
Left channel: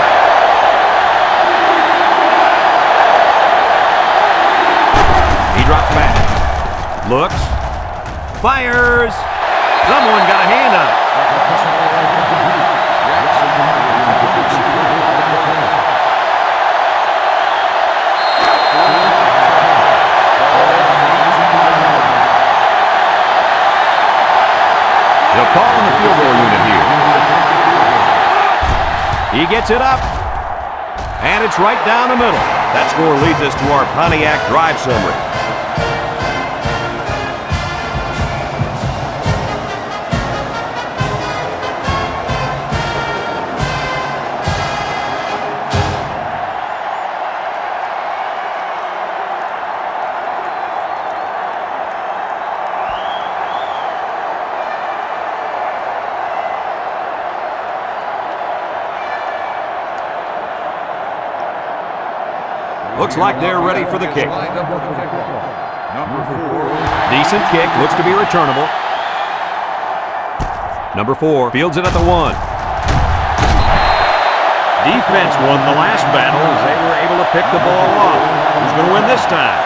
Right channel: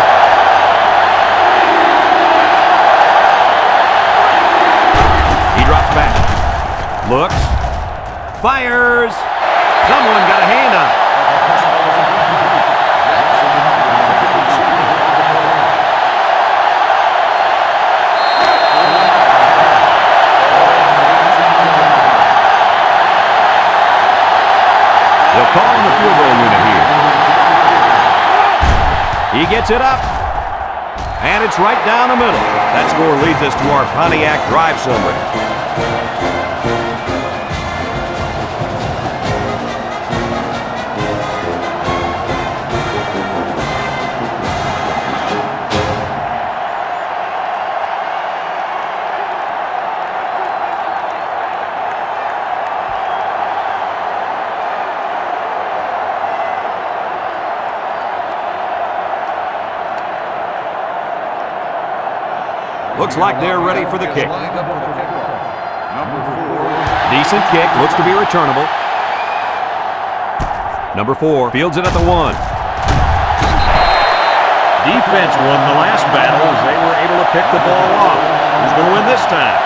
He drops back. Looks. Fires. Someone got a hand on it. Jackson, the intended receiver on the play. They'll call on the field goal unit here. He gets it up. And it's right down the middle. That score leads us to our Pontiac drive summary. Looks like they're ready for the kick. Lined up for the kickoff. Number 4. Decent kick, looks to be returnable. Number 4 fields it at the 1. Defense won the last battle as they were able to pick the ball off. Who's going to win this time?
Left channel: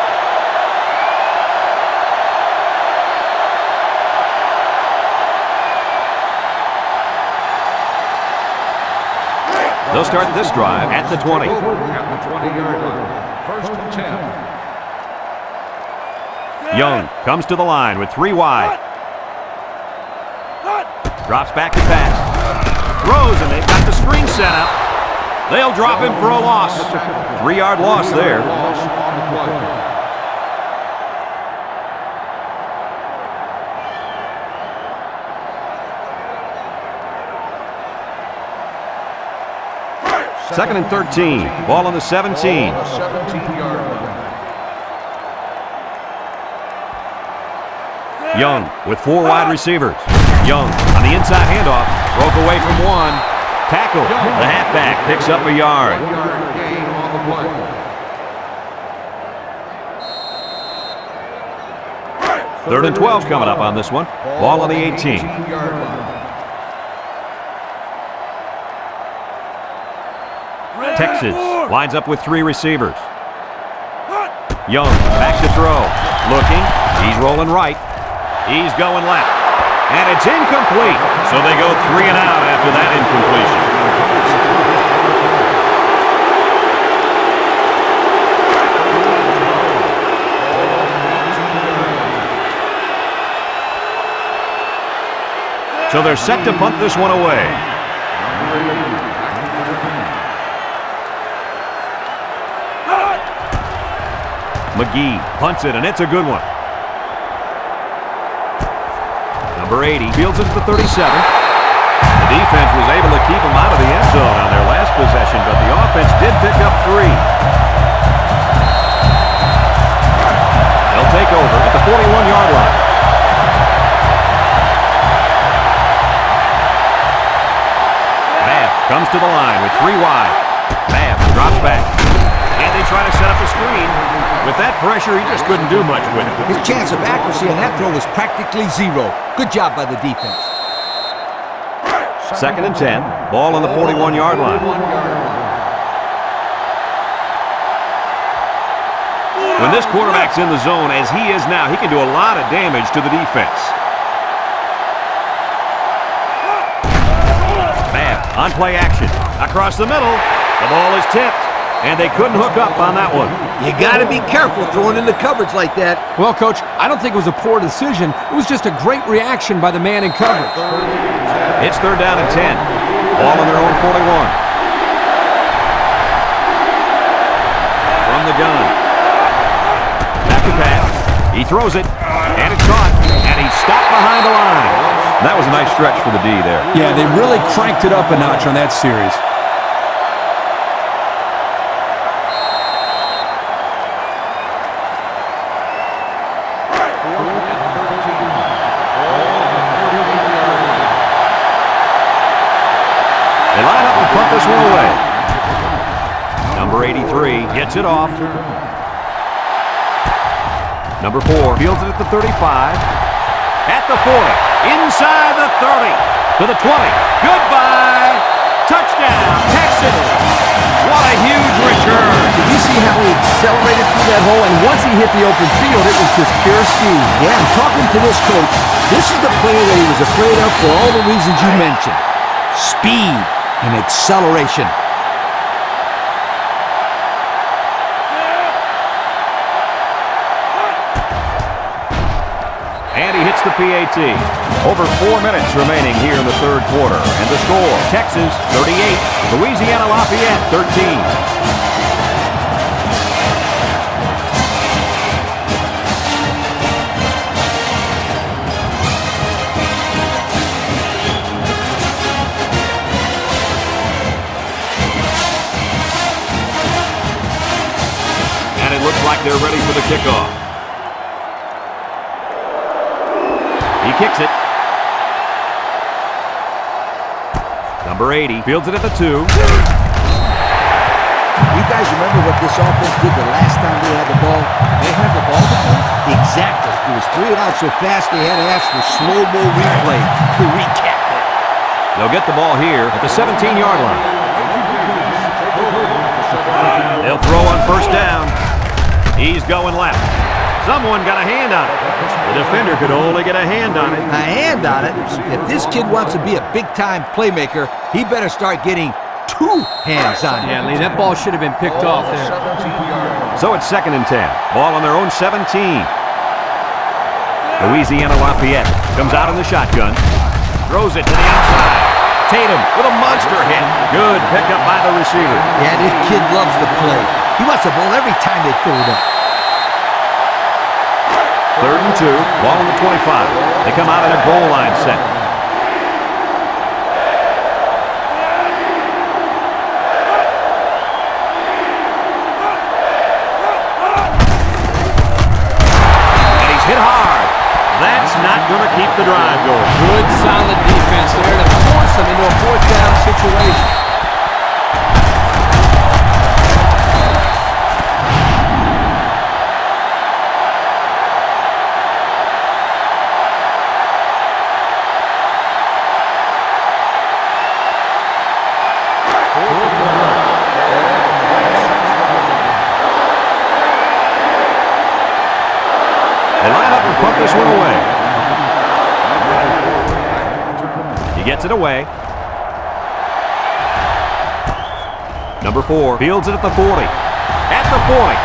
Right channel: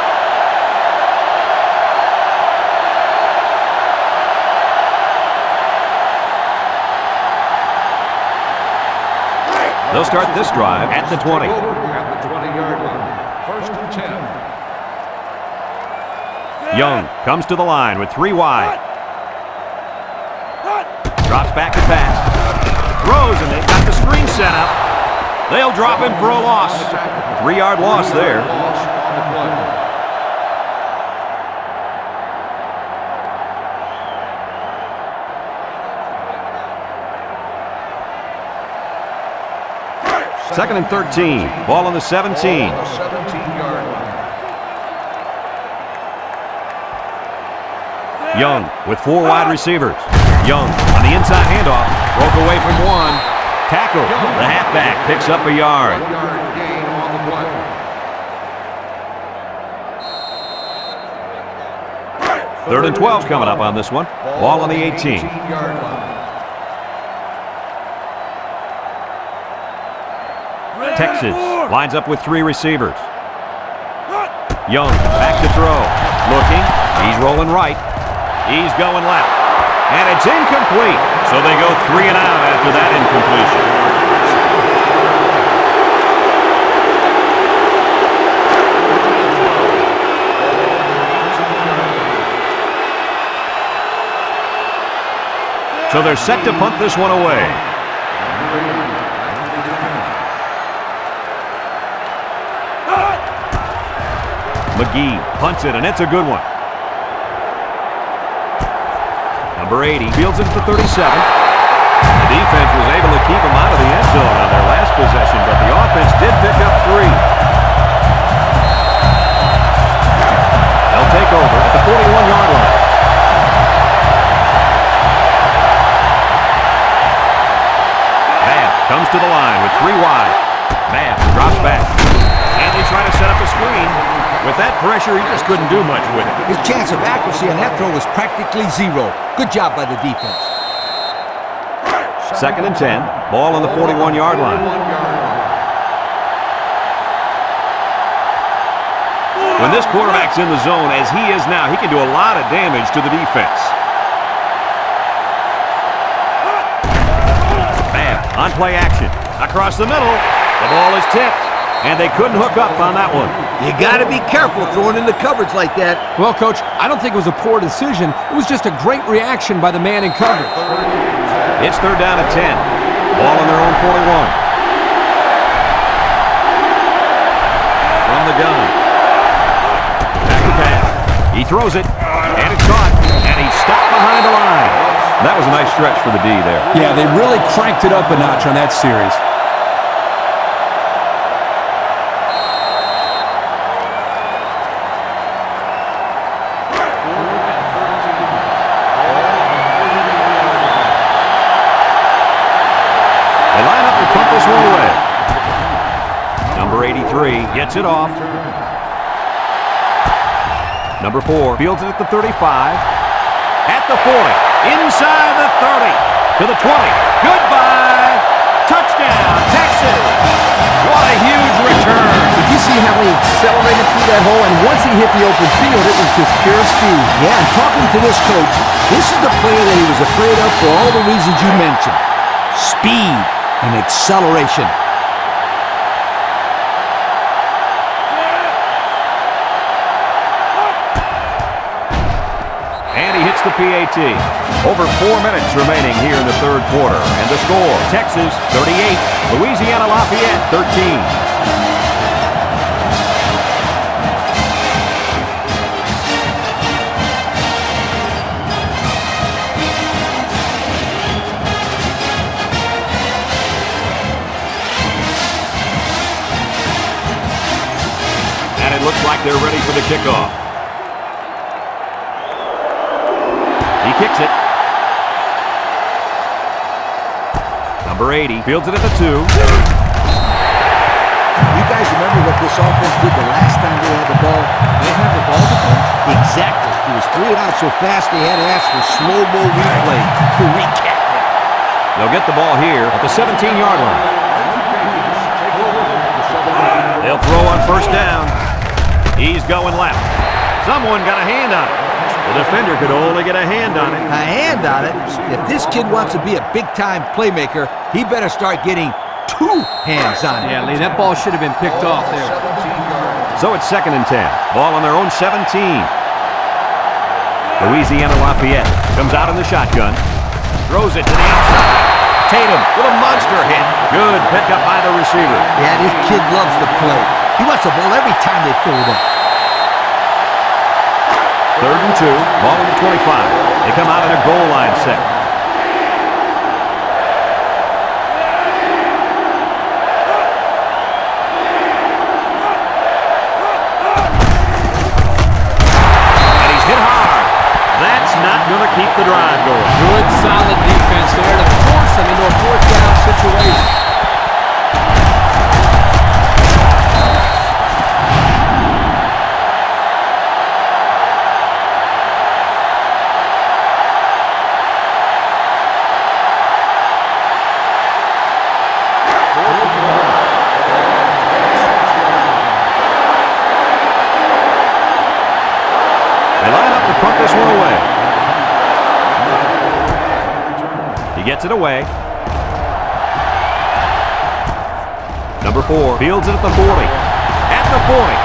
They'll start this drive at the 20. At the 20-yard line. First and 10. Young comes to the line with 3 wide. Drops back to pass. Throws, and they've got the screen set up. They'll drop him for a loss. 3-yard loss there. Loss on the play. Second and 13. Ball on the 17. Ball on the 17-yard line. Young with 4 wide receivers. Young on the inside handoff. Broke away from one. Tackle. The halfback picks up a yard. 1-yard gain on the play. Third and 12 coming up on this one. Ball on the 18. 18-yard line. Texas lines up with 3 receivers. Young back to throw. Looking. He's rolling right. He's going left. And it's incomplete. So they go 3 and out after that incompletion. Ball on the 18-yard line. So they're set to punt this one away. Number 80, back to return. McGee punts it, and it's a good one. Number 80 fields it at the 37. The defense was able to keep him out of the end zone on their last possession, but the offense did pick up 3. They'll take over at the 41-yard line. Babb comes to the line with 3 wide. Babb drops back. And they try to set up a screen. With that pressure, he just couldn't do much with it. His chance of accuracy on that throw was practically 0. Good job by the defense. Second and 10. Ball on the 41-yard line. 41-yard line. When this quarterback's in the zone, as he is now, he can do a lot of damage to the defense. Babb on play action. Across the middle. The ball is tipped. And they couldn't hook up on that one. You got to be careful throwing in the coverage like that. Well, Coach, I don't think it was a poor decision. It was just a great reaction by the man in coverage. It's third down and 10. Ball on their own 41. From the gun. Back to pass. He throws it, and it's caught, and he's stopped behind the line. That was a nice stretch for the D there. Yeah, they really cranked it up a notch on that series. They line up to punt this one away. Number 83 gets it off. Number 4 fields it at the 35. At the 40. Inside the 30. To the 20. Goodbye. Touchdown, Texas. What a huge return. Did you see how he accelerated through that hole? And once he hit the open field, it was just pure speed. Yeah, and talking to this coach, this is the player that he was afraid of for all the reasons you mentioned. Speed and acceleration. And he hits the PAT. Over 4 minutes remaining here in the third quarter. And the score, Texas 38, Louisiana-Lafayette 13. And it looks like they're ready for the kickoff. He kicks it. Number 80 fields it at the 2. You guys remember what this offense did the last time they had the ball? They had the ball before? Exactly. It was 3 and out so fast they had to ask for slow-mo replay to recap it. They'll get the ball here at the 17-yard line. They'll throw on first down. He's going left. Someone got a hand on it. The defender could only get a hand on it. A hand on it? If this kid wants to be a big-time playmaker, he better start getting 2 hands on it. Yeah, Lee, that ball should have been picked off there. 17 yards. So it's 2nd and 10. Ball on their own 17. Louisiana-Lafayette comes out in the shotgun. Throws it to the outside. Tatum with a monster hit. Good pickup by the receiver. Yeah, this kid loves to play. He wants the ball every time they throw it up. 3rd and 2. Ball on the 25. They come out in a goal line set. And he's hit hard. That's not going to keep the drive going. Good, solid defense there to force them into a 4th down situation. They line up to punt this one away. He gets it away. Number 4 fields it at the 40. At the 40.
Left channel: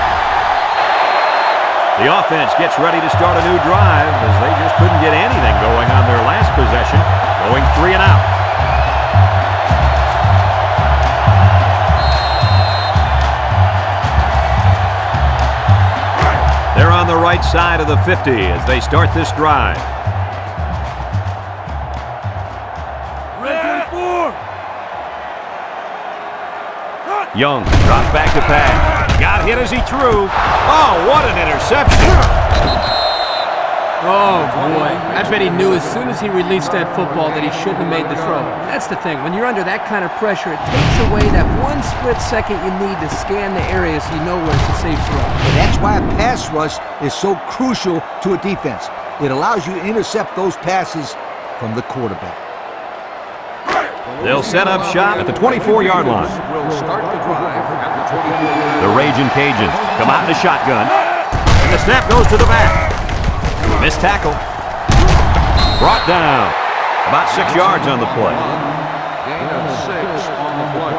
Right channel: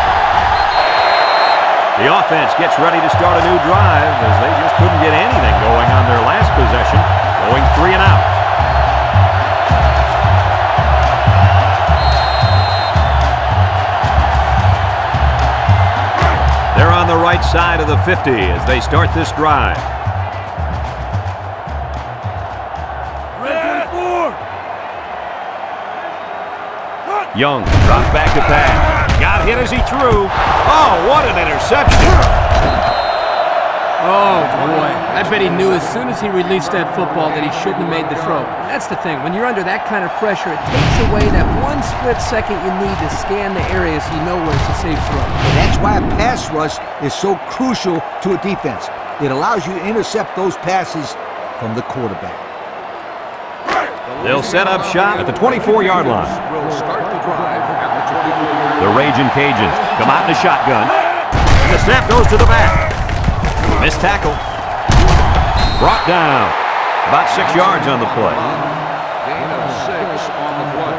The offense gets ready to start a new drive as they just couldn't get anything going on their last possession, going 3 and out. They're on the right side of the 50 as they start this drive. Red 24. Young drops back to pass. Got hit as he threw. Oh, what an interception. Oh, boy. I bet he knew as soon as he released that football that he shouldn't have made the throw. That's the thing. When you're under that kind of pressure, it takes away that 1 split second you need to scan the area so you know where it's a safe throw. And that's why a pass rush is so crucial to a defense. It allows you to intercept those passes from the quarterback. They'll set up shop at the 24-yard line. Will start the drive at the 24-yard line. The Raging Cajuns come out in a shotgun. And the snap goes to the back. Missed tackle. Brought down. About 6 yards on the play. Gain of 6 on the play.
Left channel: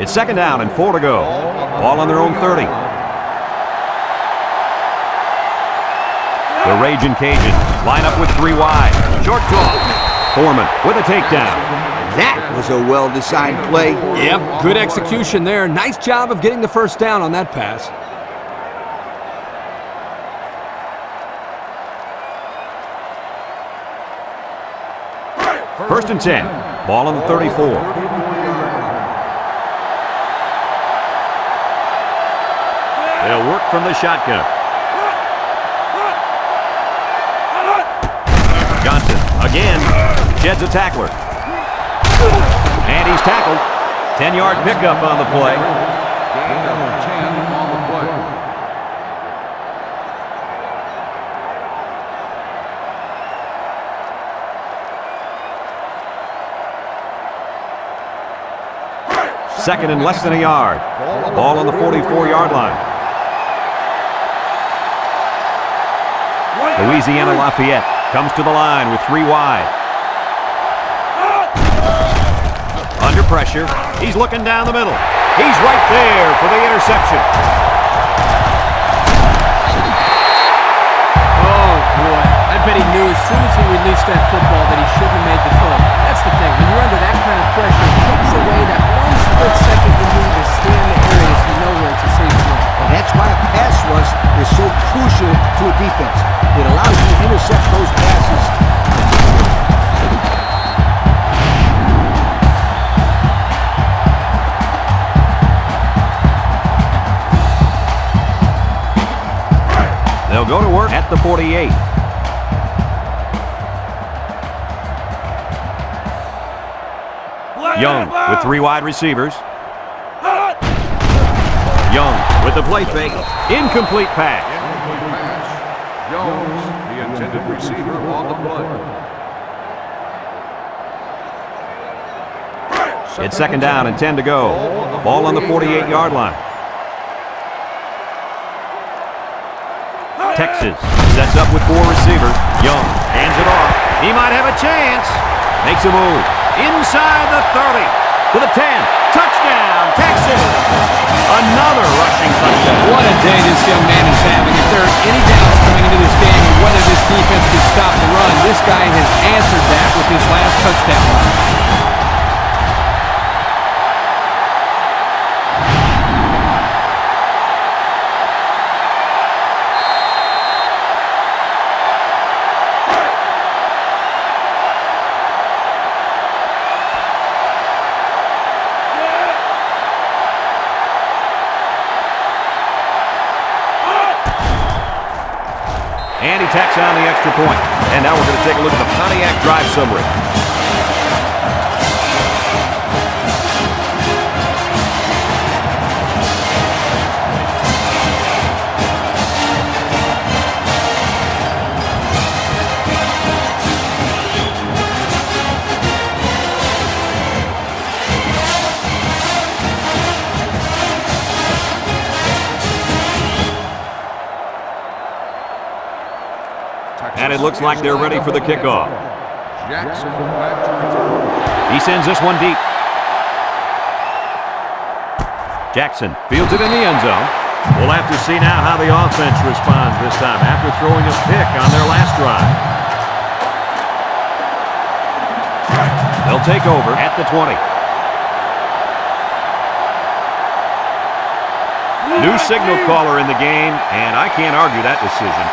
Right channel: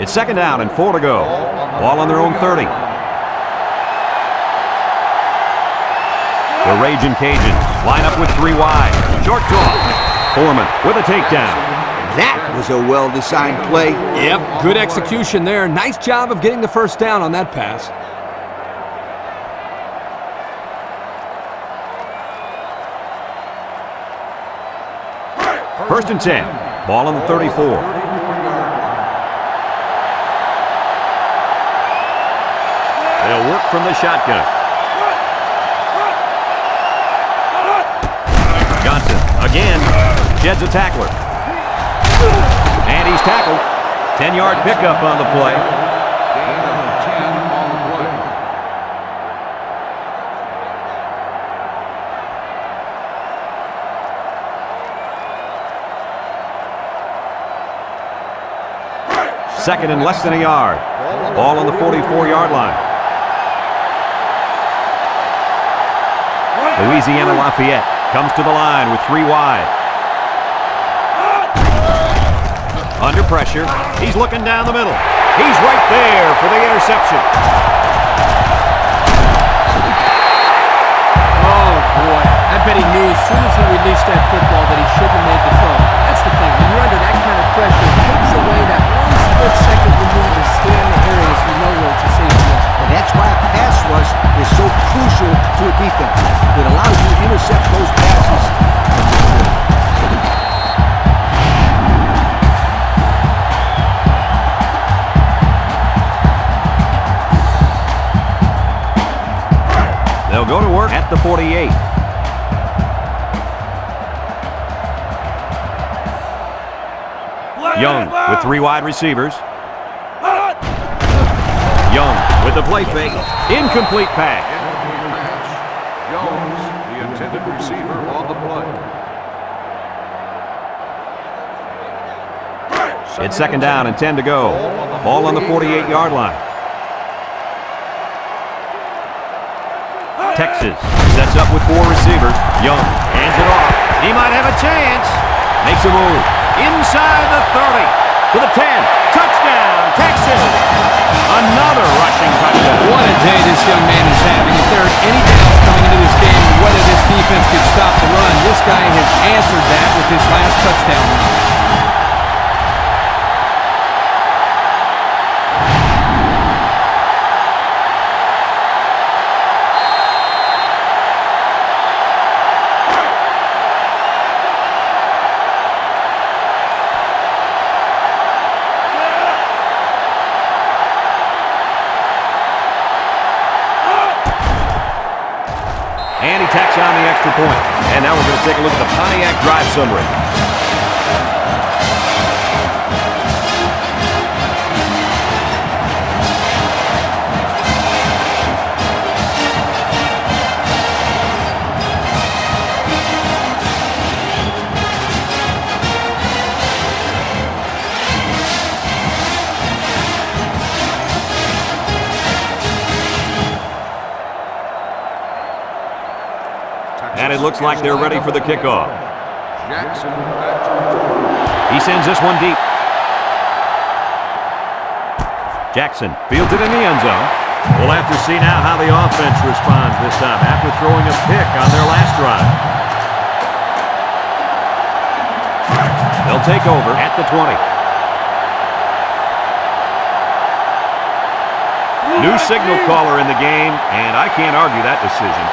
It's 2nd down and 4 to go. Ball on their own 30. The Raging Cajuns line up with 3 wide. Short toss. Foreman with a takedown. That was a well-designed play. Yep, good execution there. Nice job of getting the first down on that pass. First and 10. Ball on the 34. 34-yard line. They'll work from the shotgun. Johnson again sheds a tackler. And he's tackled. 10-yard pickup on the play. Gain of 10 on the play. Second and less than a yard. Ball on the 44-yard line. Louisiana-Lafayette comes to the line with 3 wide. Under pressure. He's looking down the middle. He's right there for the interception. Oh, boy. I bet he knew as soon as he released that football that he shouldn't have made the throw. That's the thing. When you're under that kind of pressure, it takes away that 1 split second you need to scan the area so you know where it's a safe throw. And that's why a pass rush is so crucial to a defense. It allows you to intercept those passes. They'll go to work at the 48. Young with 3 wide receivers. Young with the play fake. Incomplete pass. Incomplete pass. Jones, the intended receiver, on the play. It's second down and 10 to go. Ball on the 48-yard line. Texas sets up with 4 receivers. Young hands it off. He might have a chance. Makes a move. Inside the 30. To the 10. Touchdown, Texas. Another rushing touchdown. What a day this young man is having. If there are any doubts coming into this game of whether this defense could stop the run, this guy has answered that with his last touchdown run. And he tacks on the extra point. And now we're going to take a look at the Pontiac drive summary. And it looks like they're ready for the kickoff. Jackson back to return. He sends this one deep. Jackson fields it in the end zone. We'll have to see now how the offense responds this time after throwing a pick on their last drive. They'll take over at the 20. New signal caller in the game, and I can't argue that decision.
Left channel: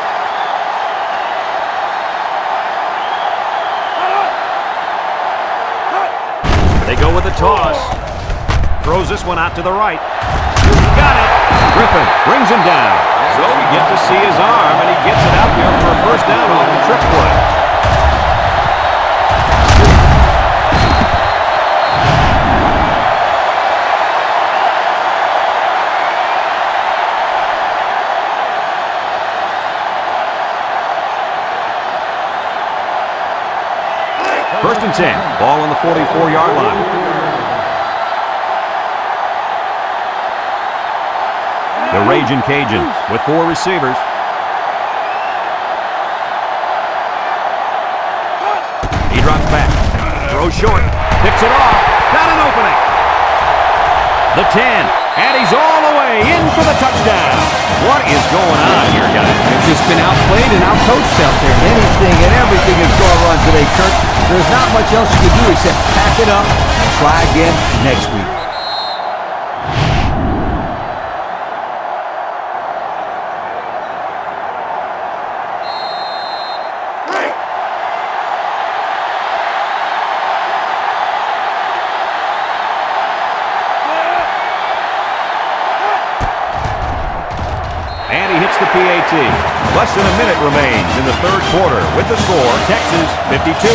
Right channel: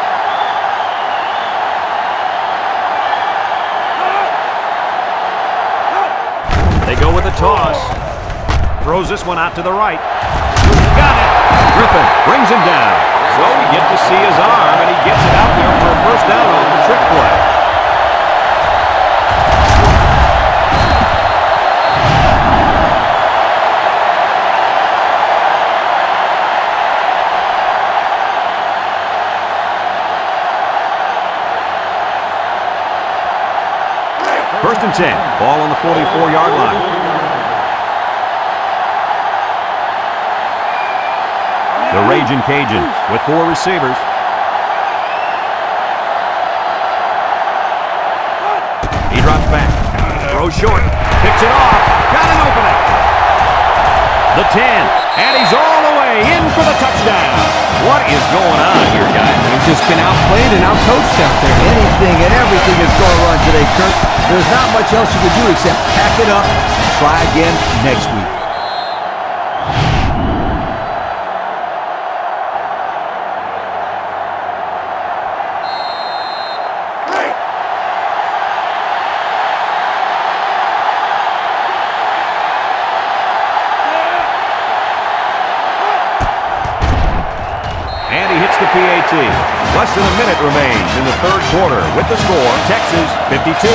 They go with a toss. Throws this one out to the right. Got it. Griffin brings him down. So we get to see his arm, and he gets it out there for a first down off the trick play. First and 10. Ball on the 44-yard line. The Raging Cajuns with 4 receivers. He drops back. Throws short. Picks it off. Got an opening. The 10. And he's all the way in for the touchdown. What is going on here, guys? They've just been outplayed and outcoached out there. Anything and everything is going wrong today, Kurt. There's not much else you can do except pack it up and try again next week. And he hits the PAT. Less than a minute remains in the third quarter with the score, Texas 52,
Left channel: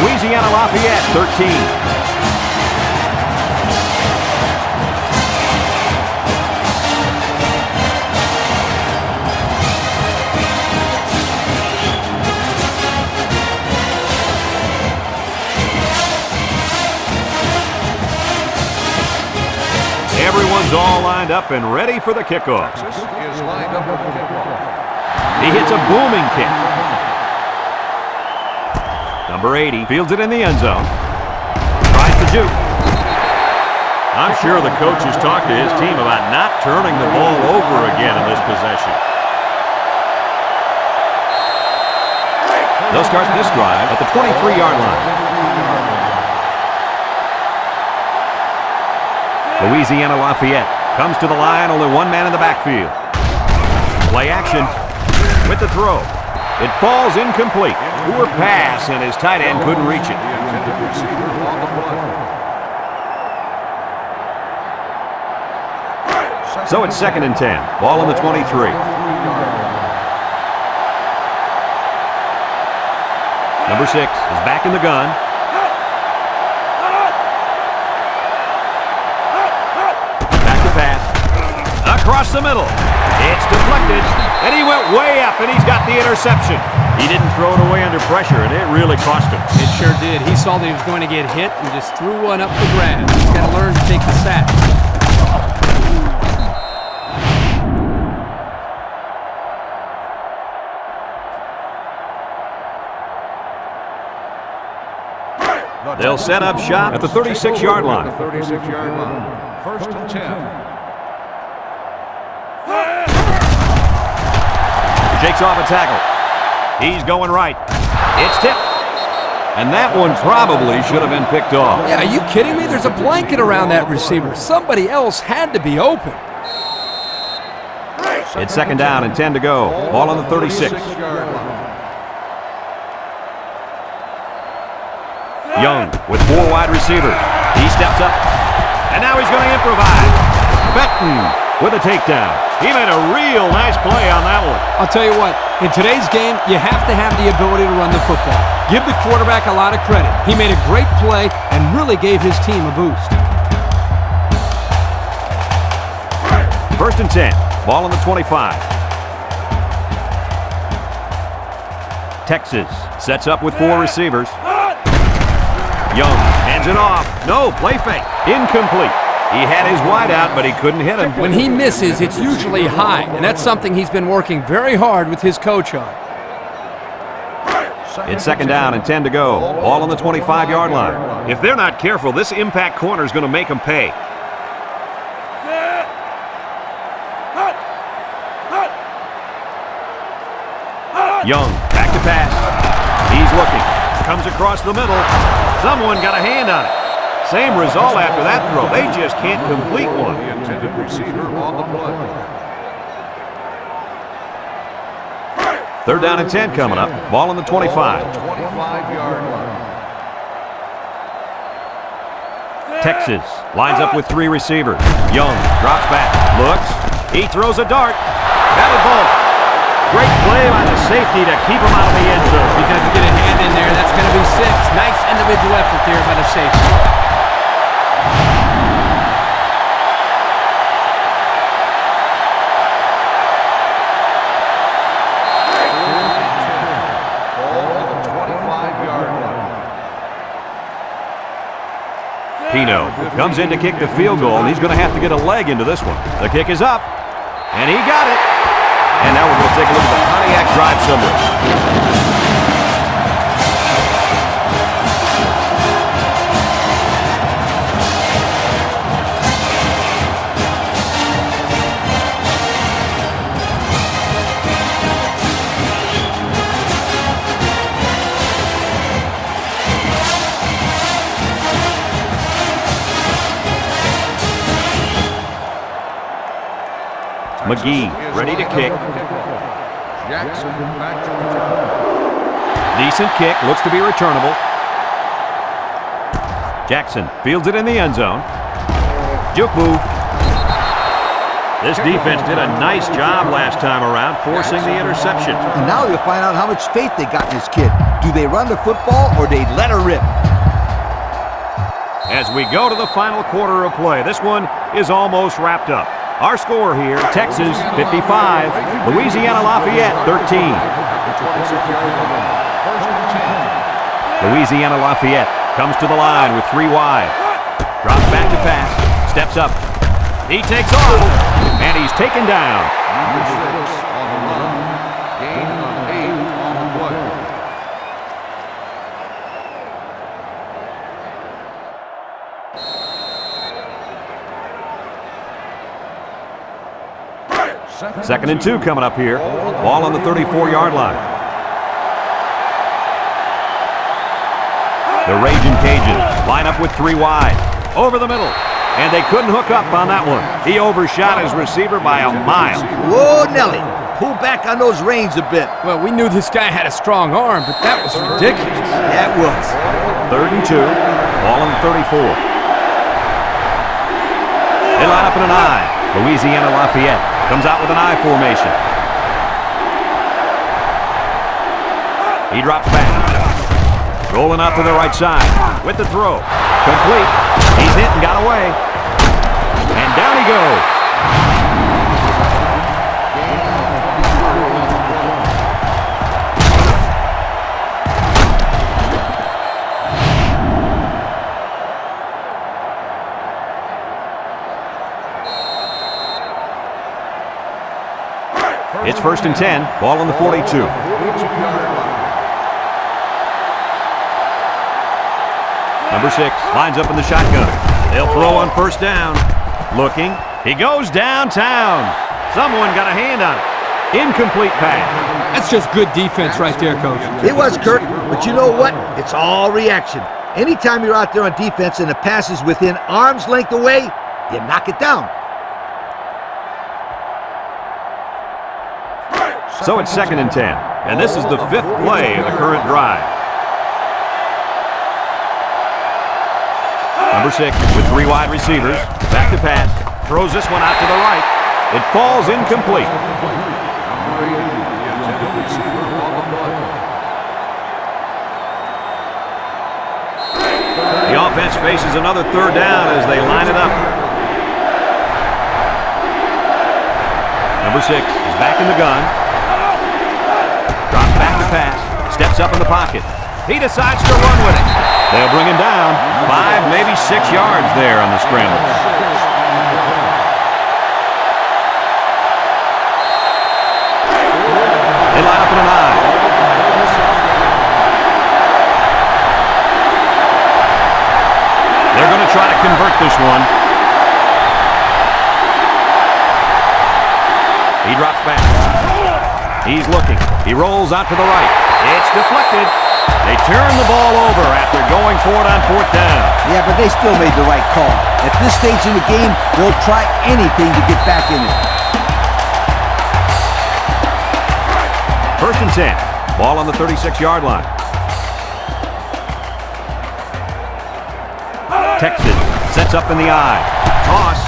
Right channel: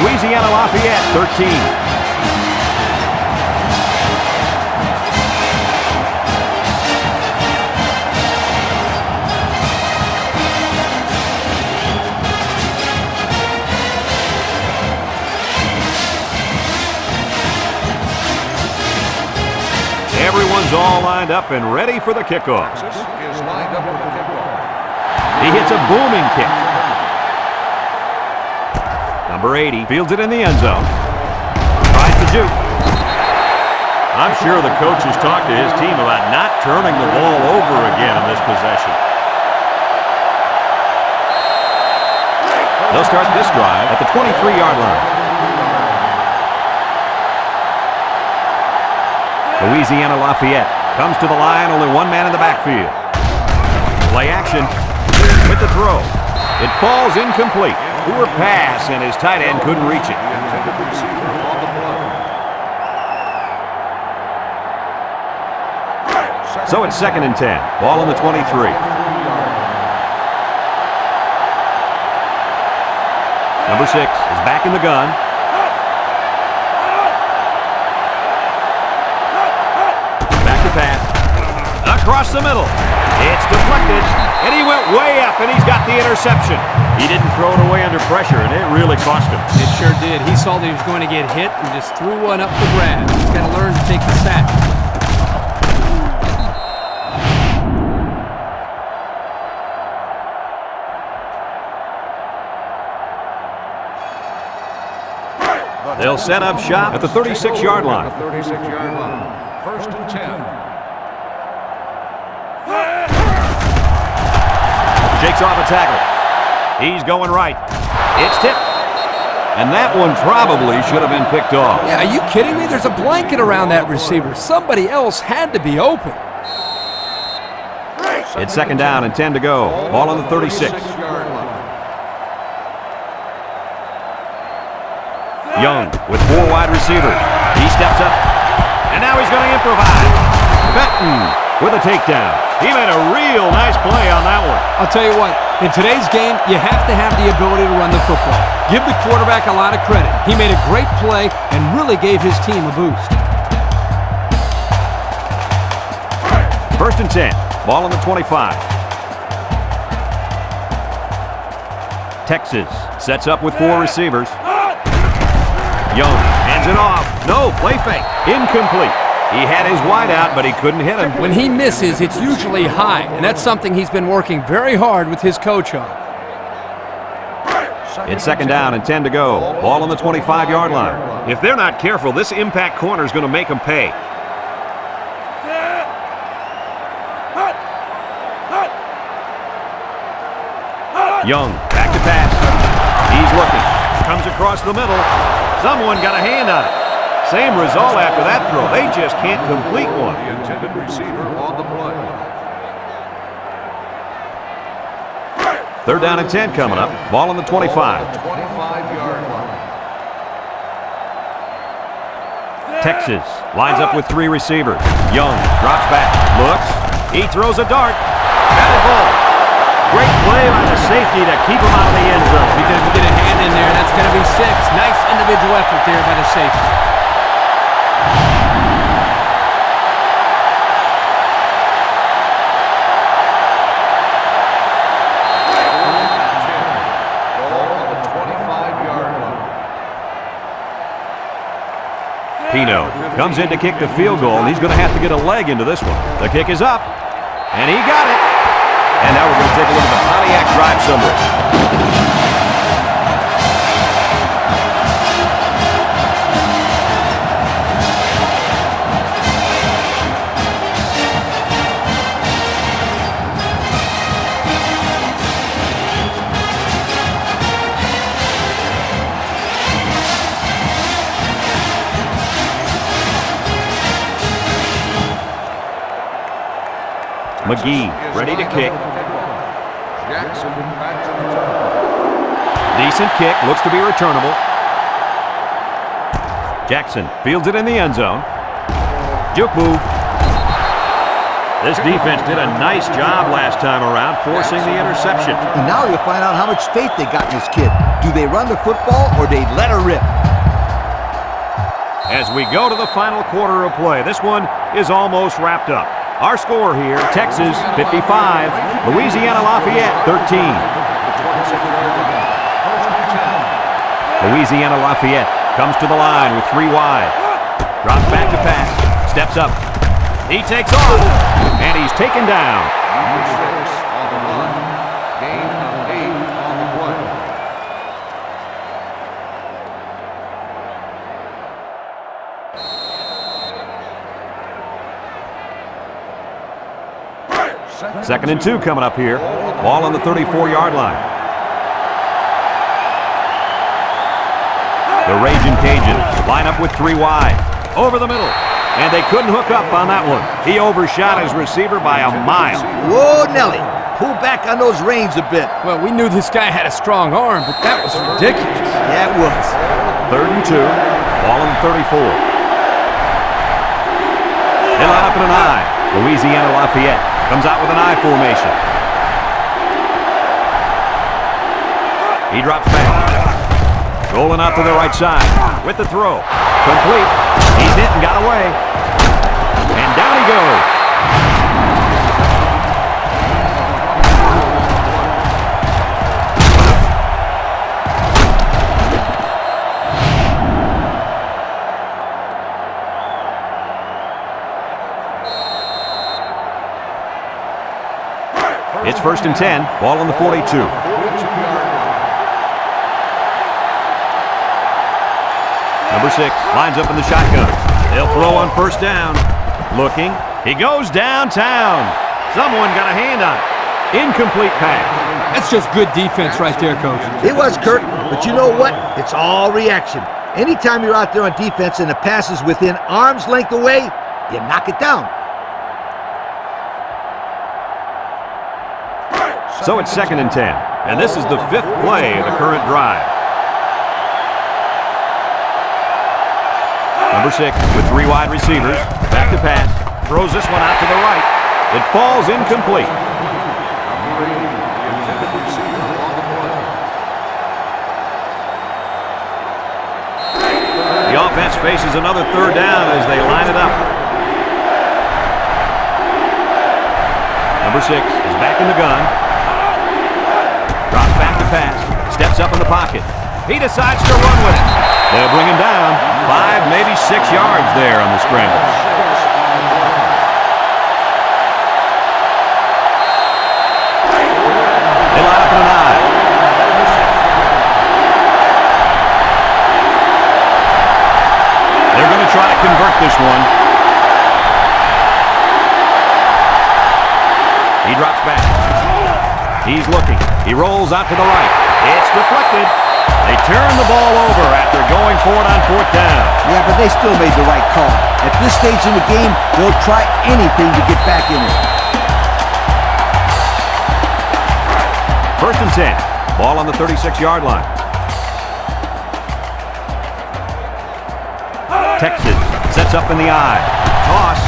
Louisiana-Lafayette 13. Everyone's all lined up and ready for the kickoff. Texas is lined up for the kickoff. He hits a booming kick. Number 80 fields it in the end zone. Tries to juke. I'm sure the coach has talked to his team about not turning the ball over again in this possession. They'll start this drive at the 23-yard line. Louisiana-Lafayette comes to the line, only one man in the backfield. Play action with the throw. It falls incomplete. Poor pass, and his tight end couldn't reach it. The intended receiver on the play. So it's second and 10. Ball on the 23. Number 6 is back in the gun. Pass across the middle. It's deflected, and he went way up, and he's got the interception. He didn't throw it away under pressure, and it really cost him. It sure did. He saw that he was going to get hit and just threw one up for grabs. He's got to learn to take the sack. They'll set up shop at the 36-yard line. 36-yard line. 1st and 10. Shakes off a tackle. He's going right. It's tipped. And that one probably should have been picked off. Yeah, are you kidding me? There's a blanket around that receiver. Somebody else had to be open. It's 2nd down and 10 to go. Ball on the 36. 36-yard line. Young with 4 wide receivers. He steps up. And now he's going to improvise. Benton with a takedown. He made a real nice play on that one. I'll tell you what, in today's game, you have to have the ability to run the football. Give the quarterback a lot of credit. He made a great play and really gave his team a boost. 1st and 10. Ball on the 25. Texas sets up with 4 receivers. Young hands it off. No, play fake. Incomplete. He had his wide out, but he couldn't hit him. When he misses, it's usually high, and that's something he's been working very hard with his coach on. It's 2nd down and 10 to go. Ball on the 25-yard line. If they're not careful, this impact corner is going to make them pay. Young, back to pass. He's looking. Comes across the middle. Someone got a hand on it. Same result after that throw. They just can't complete one. The intended receiver on the play. 3rd down and 10 coming up. Ball on the 25. 25-yard line. Texas lines up with 3 receivers. Young drops back. Looks. He throws a dart. Batted ball. Great play by the safety to keep him out of the end zone. If he doesn't get a hand in there, that's going to be 6. Nice individual effort there by the safety. Pino comes in to kick the field goal, and he's going to have to get a leg into this one. The kick is up, and he got it. And now we're going to take a look at the Pontiac drive summary. McGee ready to kick. Jackson back to return. Decent kick, looks to be returnable. Jackson fields it in the end zone. Juke move. This defense did a nice job last time around, forcing the interception. And now you'll find out how much faith they got in this kid. Do they run the football or they let her rip? As we go to the final quarter of play, this one is almost wrapped up. Our score here, Texas 55, Louisiana Lafayette 13. At the 26-yard line. 1st and 10. Louisiana Lafayette comes to the line with 3 wide. Drops back to pass, steps up. He takes off, and he's taken down. Number 6 on the run. Gain of 8 on the play. Second and 2 coming up here. Ball on the 34-yard line. The Raging Cajuns line up with 3 wide. Over the middle. And they couldn't hook up on that one. He overshot his receiver by a mile. Whoa, Nelly. Pull back on those reins a bit. Well, we knew this guy had a strong arm, but that was ridiculous. Yeah, it was. 3rd and 2. Ball on the 34. They line up in an I. Louisiana Lafayette comes out with an I formation. He drops back. Rolling out to the right side with the throw. Complete. He's hit and got away. And down he goes. It's 1st and 10. Ball on the 42. 42-yard line. Number 6 lines up in the shotgun. They'll throw on 1st down. Looking. He goes downtown. Someone got a hand on it. Incomplete pass. That's just good defense right there, Coach. It was, Kirk, but you know what? It's all reaction. Anytime you're out there on defense and the pass is within arm's length away, you knock it down. So it's 2nd and 10. And this is the 5th play of the current drive. Number 6 with 3 wide receivers. Back to pass. Throws this one out to the right. It falls incomplete. Number 80, the intended receiver on the play. The offense faces another 3rd down as they line it up. Number 6 is back in the gun. Drops back to pass. Steps up in the pocket. He decides to run with it. They'll bring him down. 5, maybe 6 yards there on the scramble. 6 on the play. They line up in an I. They're going to try to convert this one. He drops back. He's looking. He rolls out to the right. It's deflected. They turn the ball over after going for it on 4th down. Yeah, but they still made the right call. At this stage in the game, they'll try anything to get back in it. 1st and 10. Ball on the 36-yard line. Texas sets up in the I. Toss.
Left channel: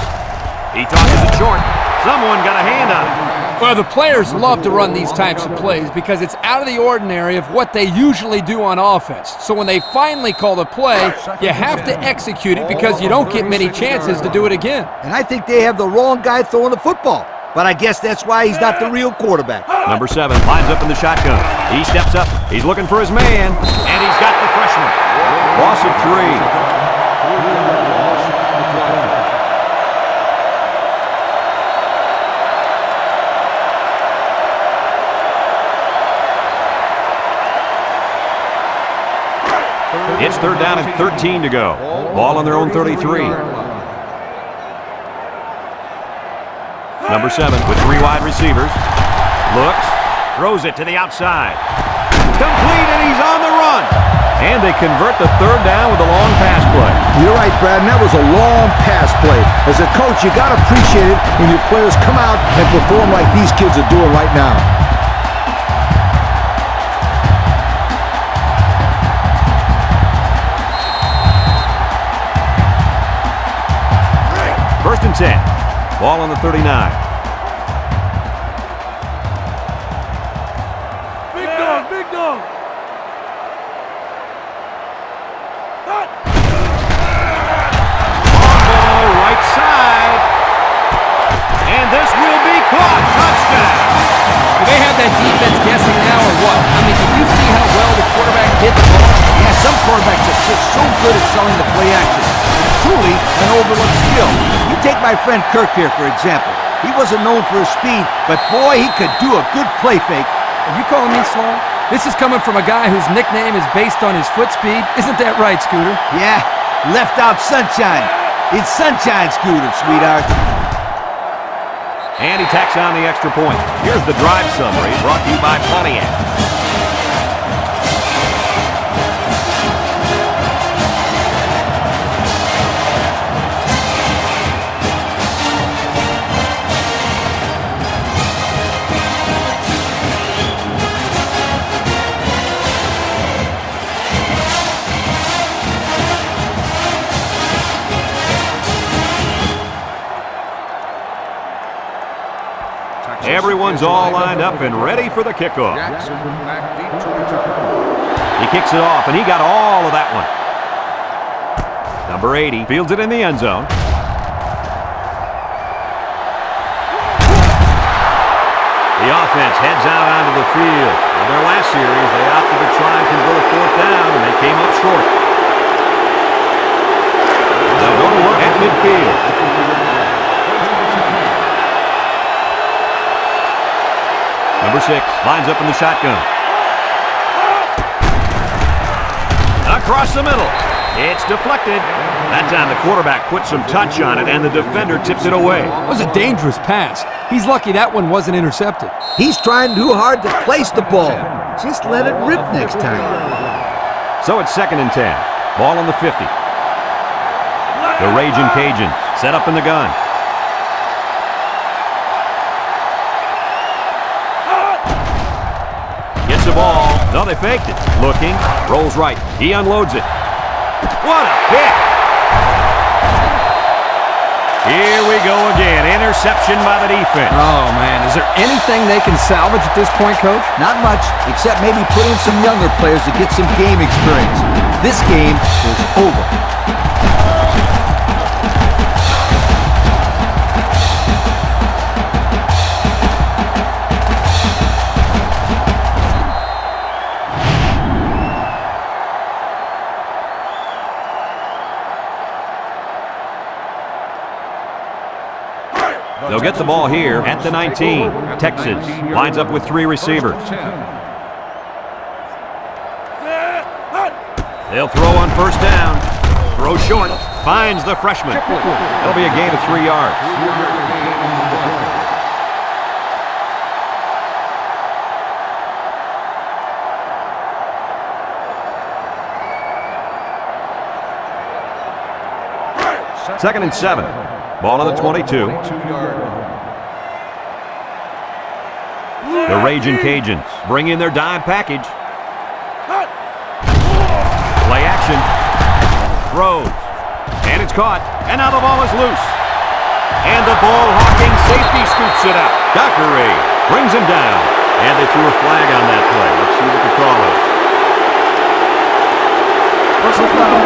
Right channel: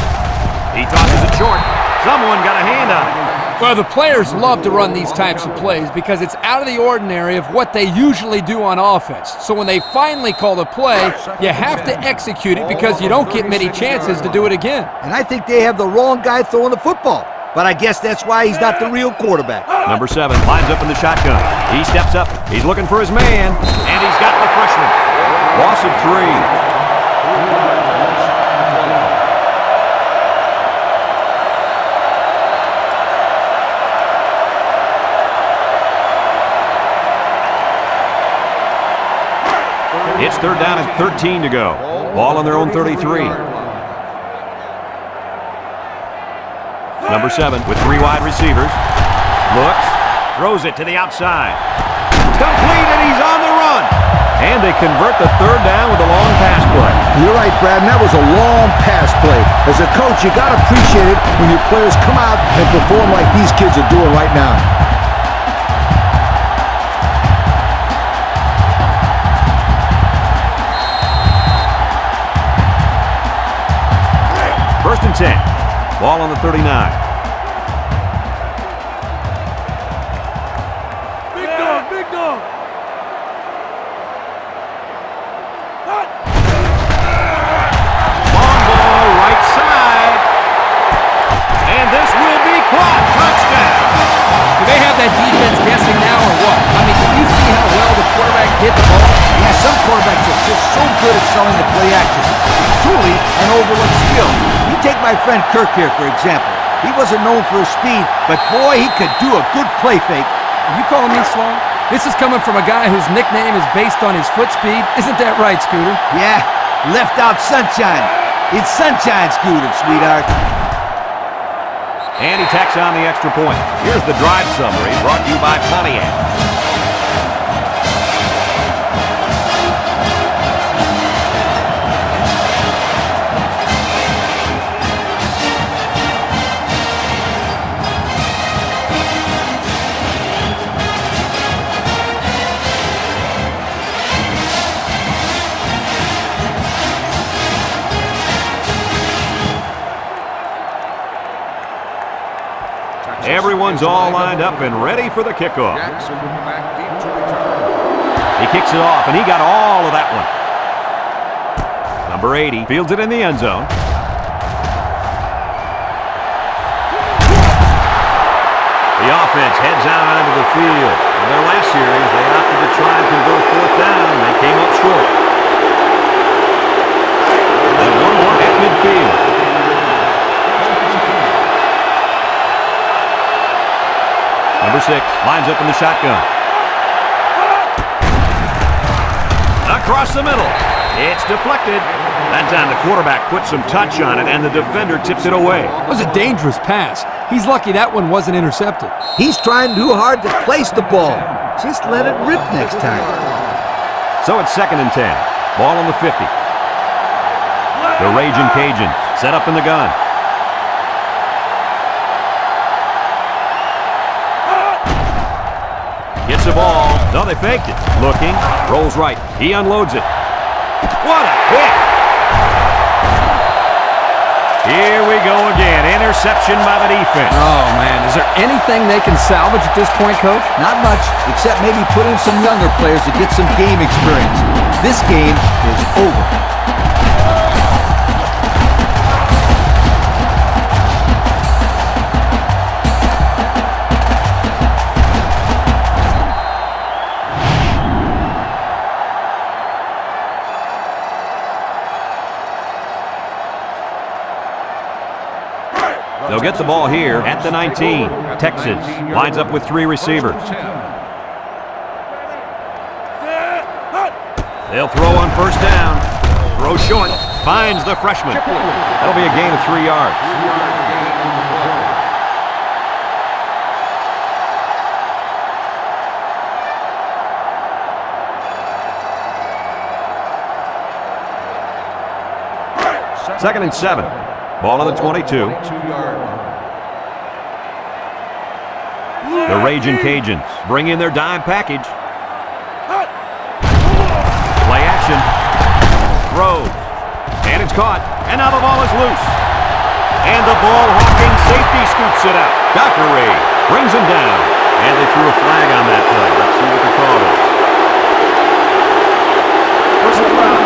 He tosses it short. Someone got a hand on it. Well, the players love to run these types of plays because it's out of the ordinary of what they usually do on offense. So when they finally call the play, you have to execute it because you don't get many chances to do it again. And I think they have the wrong guy throwing the football. But I guess that's why he's not the real quarterback. Number 7 lines up in the shotgun. He steps up. He's looking for his man. And he's got the freshman. Loss of 3. 4-yard loss on the play. It's 3rd down and 13 to go. Ball on their own 33. Number 7 with 3 wide receivers. Looks. Throws it to the outside. Complete, and he's on the run. And they convert the 3rd down with a long pass play. You're right, Brad, and that was a long pass play. As a coach, you got to appreciate it when your players come out and perform like these kids are doing right now. First and 10. Ball on the 39. Big dog, big dog. Long ball, right side. And this will be caught. Touchdown. Do they have that defense guessing now or what? I mean, did you see how well the quarterback hit the ball? Yeah, some quarterbacks are just so good at selling the play action. It's truly an overlooked skill. You take my friend Kirk here, for example. He wasn't known for his speed, but boy, he could do a good play fake. Are you calling me slow? This is coming from a guy whose nickname is based on his foot speed. Isn't that right, Scooter? Yeah, left out sunshine. It's sunshine, Scooter, sweetheart. And he tacks on the extra point. Here's the drive summary brought to you by Pontiac. Everyone's all lined up and ready for the kickoff. Jackson back deep to return. He kicks it off, and he got all of that one. Number 80 fields it in the end zone. The offense heads out onto the field. In their last series, they opted to try and convert a 4th down, and they came up short. They'll go to work at midfield. Number 6 lines up in the shotgun. Across the middle. It's deflected. That time the quarterback put some touch on it, and the defender tipped it away. It was a dangerous pass. He's lucky that one wasn't intercepted. He's trying too hard to place the ball. Just let it rip next time. So it's 2nd and 10. Ball on the 50. The Raging Cajuns set up in the gun. Gets the ball. No, they faked it. Looking. Rolls right. He unloads it. What a pick! Here we go again. Interception by the defense. Oh, man. Is there anything they can salvage at this point, Coach? Not much, except maybe put in some younger players to get some game experience. This game is over. They'll get the ball here at the 19. Texas lines up with 3 receivers. They'll throw on 1st down. Throw short. Finds the freshman. That'll be a gain of 3 yards. 3-yard gain on the play. Second and 7. Ball on the 22. 22-yard line. The Raging Cajuns bring in their dime package. Play action. Throws. And it's caught. And now the ball is loose. And the ball-hawking safety scoops it out. Dockery brings him down. And they threw a flag on that play. Let's see what the call is. Personal foul.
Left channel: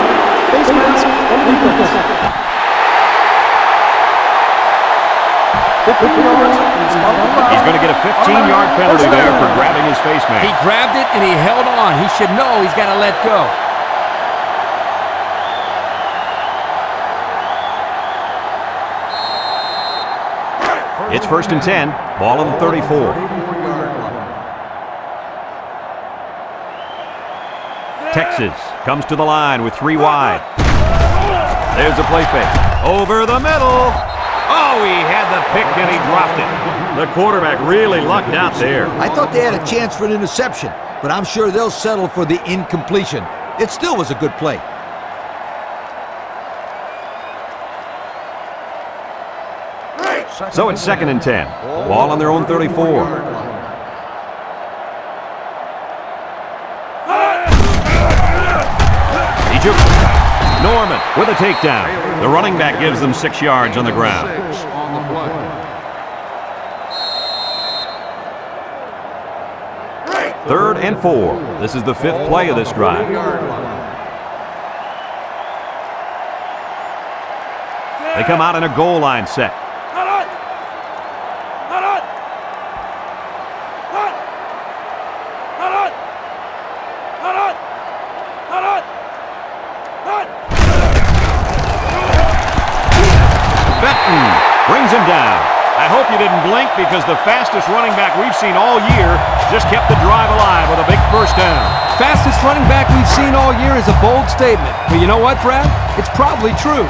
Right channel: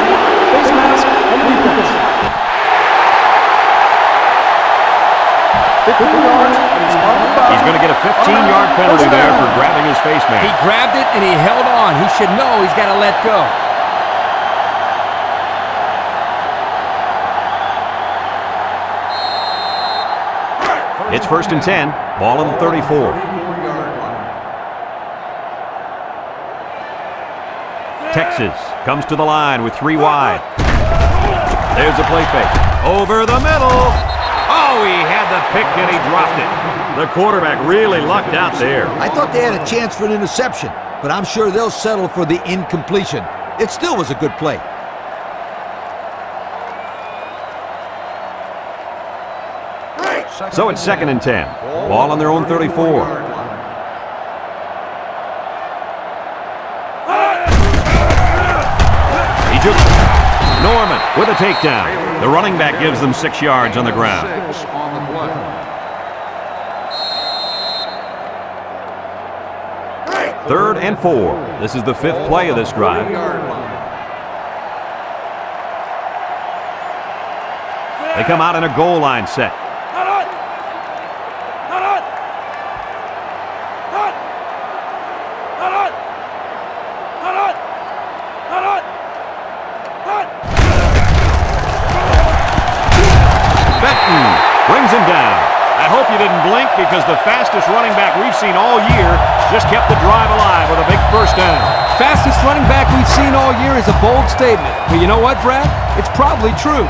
Face mask on the defense. 15 yards from the spot of the foul. He's going to get a 15-yard penalty there for grabbing his face mask. He grabbed it and he held on. He should know he's got to let go. It's 1st and 10. Ball on the 34. 34-yard line. Texas comes to the line with 3 wide. There's a play fake. Over the middle. Oh, he had the pick and he dropped it. The quarterback really lucked out there. I thought they had a chance for an interception, but I'm sure they'll settle for the incompletion. It still was a good play. So it's 2nd and 10. Ball on their own 34. He jukes. Norman with a takedown. The running back gives them 6 yards on the ground. 6 on the play. Third and 4. This is the 5th play of this drive. 3-yard line. They come out in a goal line set. Benton brings him down. I hope you didn't blink because the fastest running back we've seen all year just kept the drive alive with a big 1st down. Fastest running back we've seen all year is a bold statement. But you know what, Brad? It's probably true.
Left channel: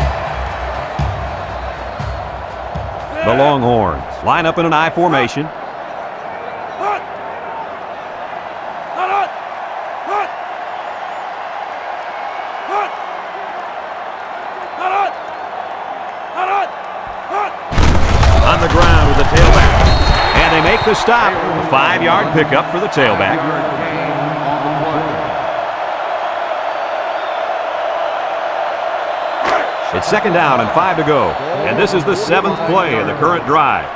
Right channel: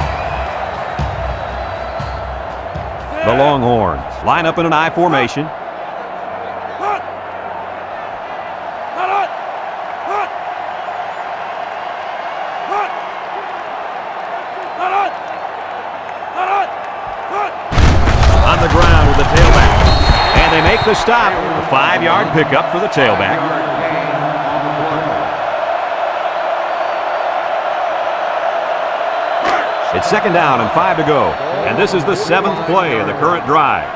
The Longhorns line up in an I formation. On the ground with the tailback. And they make the stop. A 5-yard pickup for the tailback. 5-yard gain on the play. It's 2nd down and 5 to go. And this is the 7th play of the current drive.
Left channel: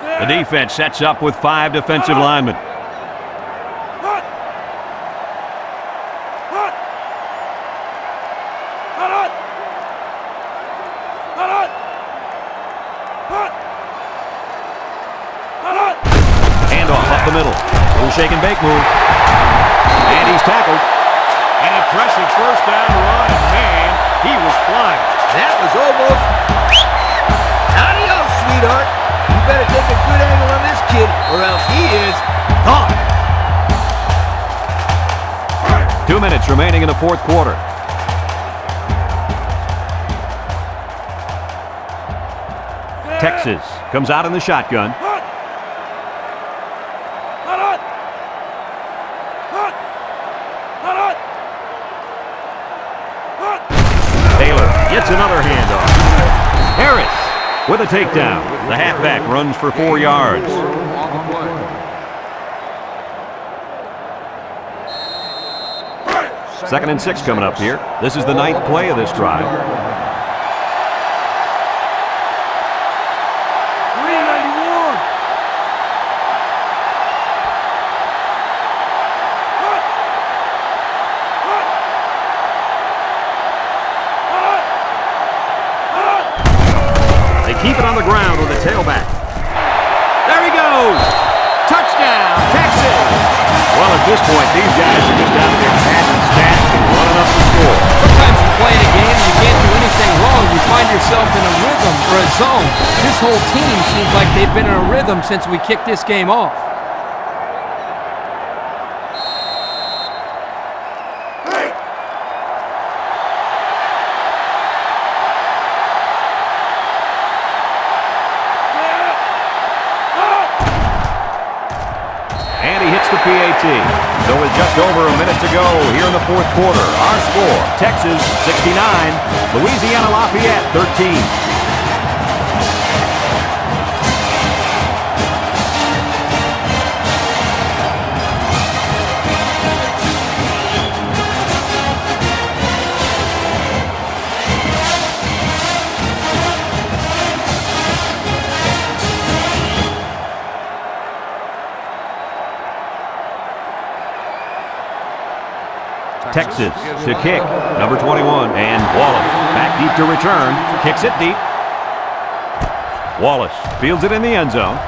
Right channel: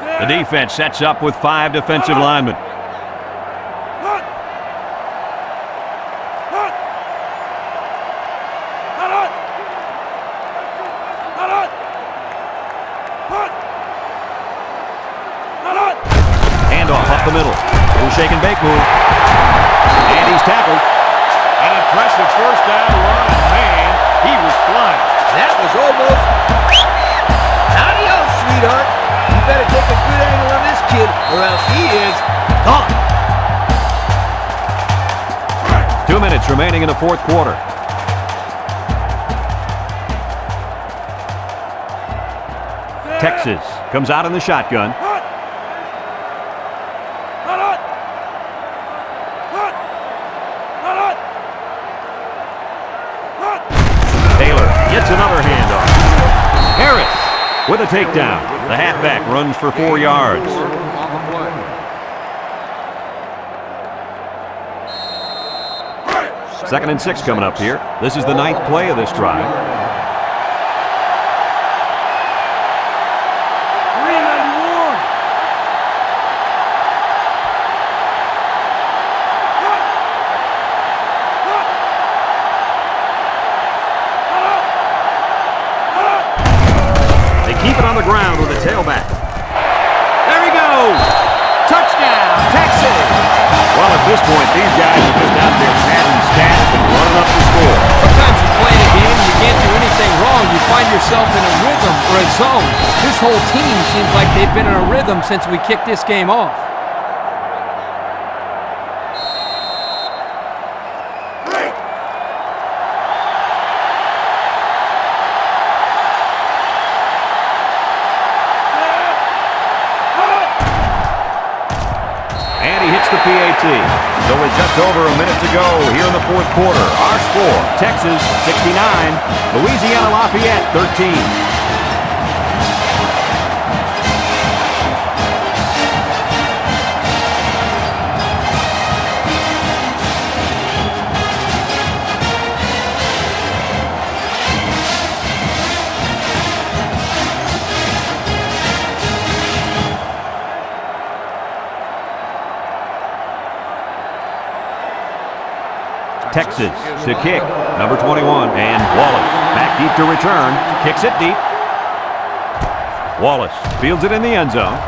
The defense sets up with 5 defensive linemen. Handoff up the middle. Little shake and bake move. And he's tackled. An impressive 1st down run, and man, he was flying. That was almost... Adios, sweetheart. You better take a good angle on this kid, or else he is gone. 2 minutes remaining in the fourth quarter. Texas comes out in the shotgun. Taylor gets another handoff. Harris with a takedown. The halfback runs for 4 yards. On the play. Second and 6 coming up here. This is the 9th play of this drive. 391. They keep it on the ground with a tailback. There he goes! Touchdown, Texas! Well, at this point, these guys are just out there padding stats and running up the score. Sometimes you play in a game and you can't do anything wrong. You find yourself in a rhythm or a zone. This whole team seems like they've been in a rhythm since we kicked this game off. And he hits the PAT. So with just over a minute to go here in the fourth quarter, our score, Texas 69, Louisiana-Lafayette 13. Texas to kick, number 21, and Wallace back deep to return, kicks it deep. Wallace fields it in the end zone.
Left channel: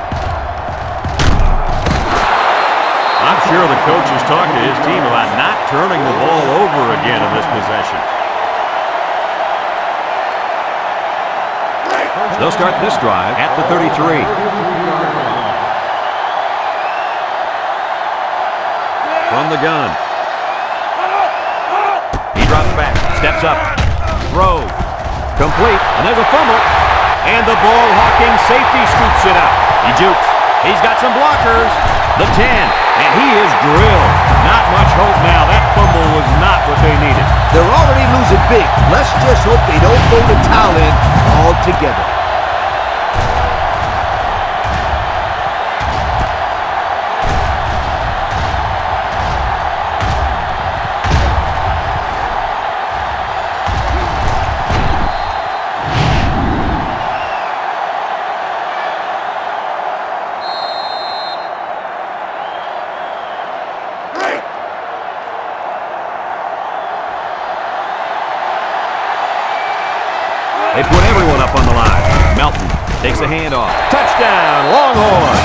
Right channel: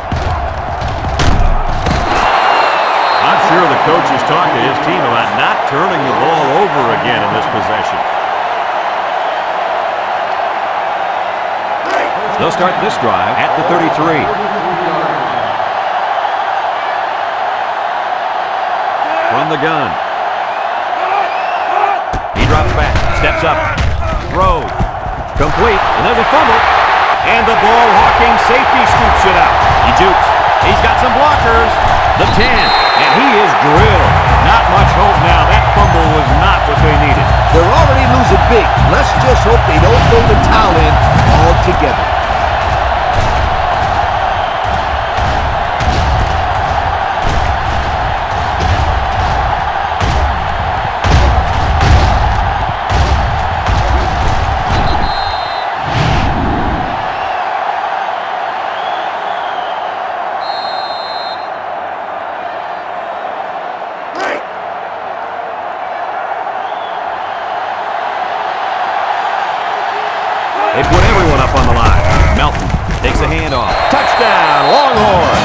I'm sure the coach has talked to his team about not turning the ball over again in this possession. They'll start this drive at the 33. From the gun. He drops back, steps up, throws, complete, and there's a fumble. And the ball-hawking safety scoops it out. He jukes. He's got some blockers. The 10, and he is drilled. Not much hope now. That fumble was not what they needed. They're already losing big. Let's just hope they don't throw the towel in altogether. They put everyone up on the line. Melton takes a handoff. Touchdown, Longhorn.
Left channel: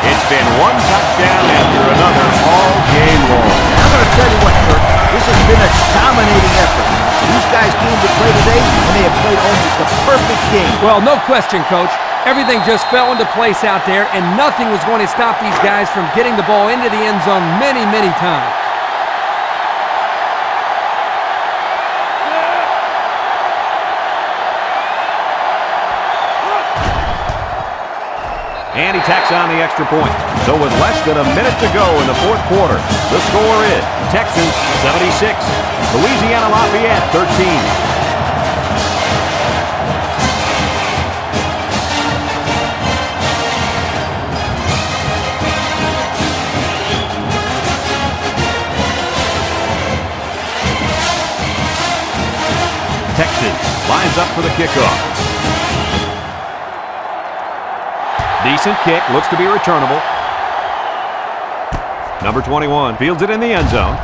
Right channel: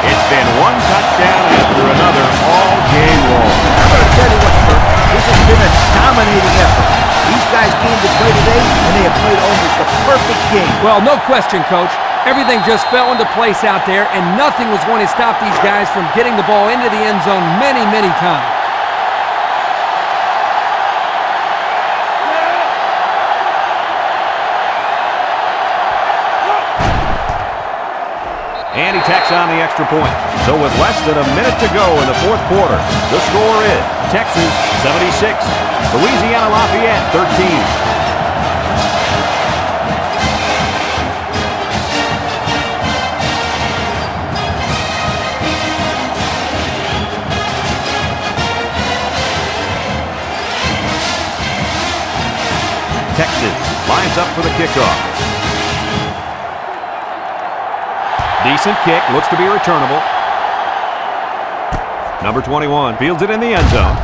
It's been one touchdown after another all game long. I'm going to tell you what, Kurt, this has been a dominating effort. These guys came to play today, and they have played almost a perfect game. Well, no question, Coach. Everything just fell into place out there, and nothing was going to stop these guys from getting the ball into the end zone many, many times. And he tacks on the extra point. So with less than a minute to go in the fourth quarter, the score is Texas 76, Louisiana-Lafayette 13. Texas lines up for the kickoff. Decent kick, looks to be returnable. Number 21 fields it in the end zone.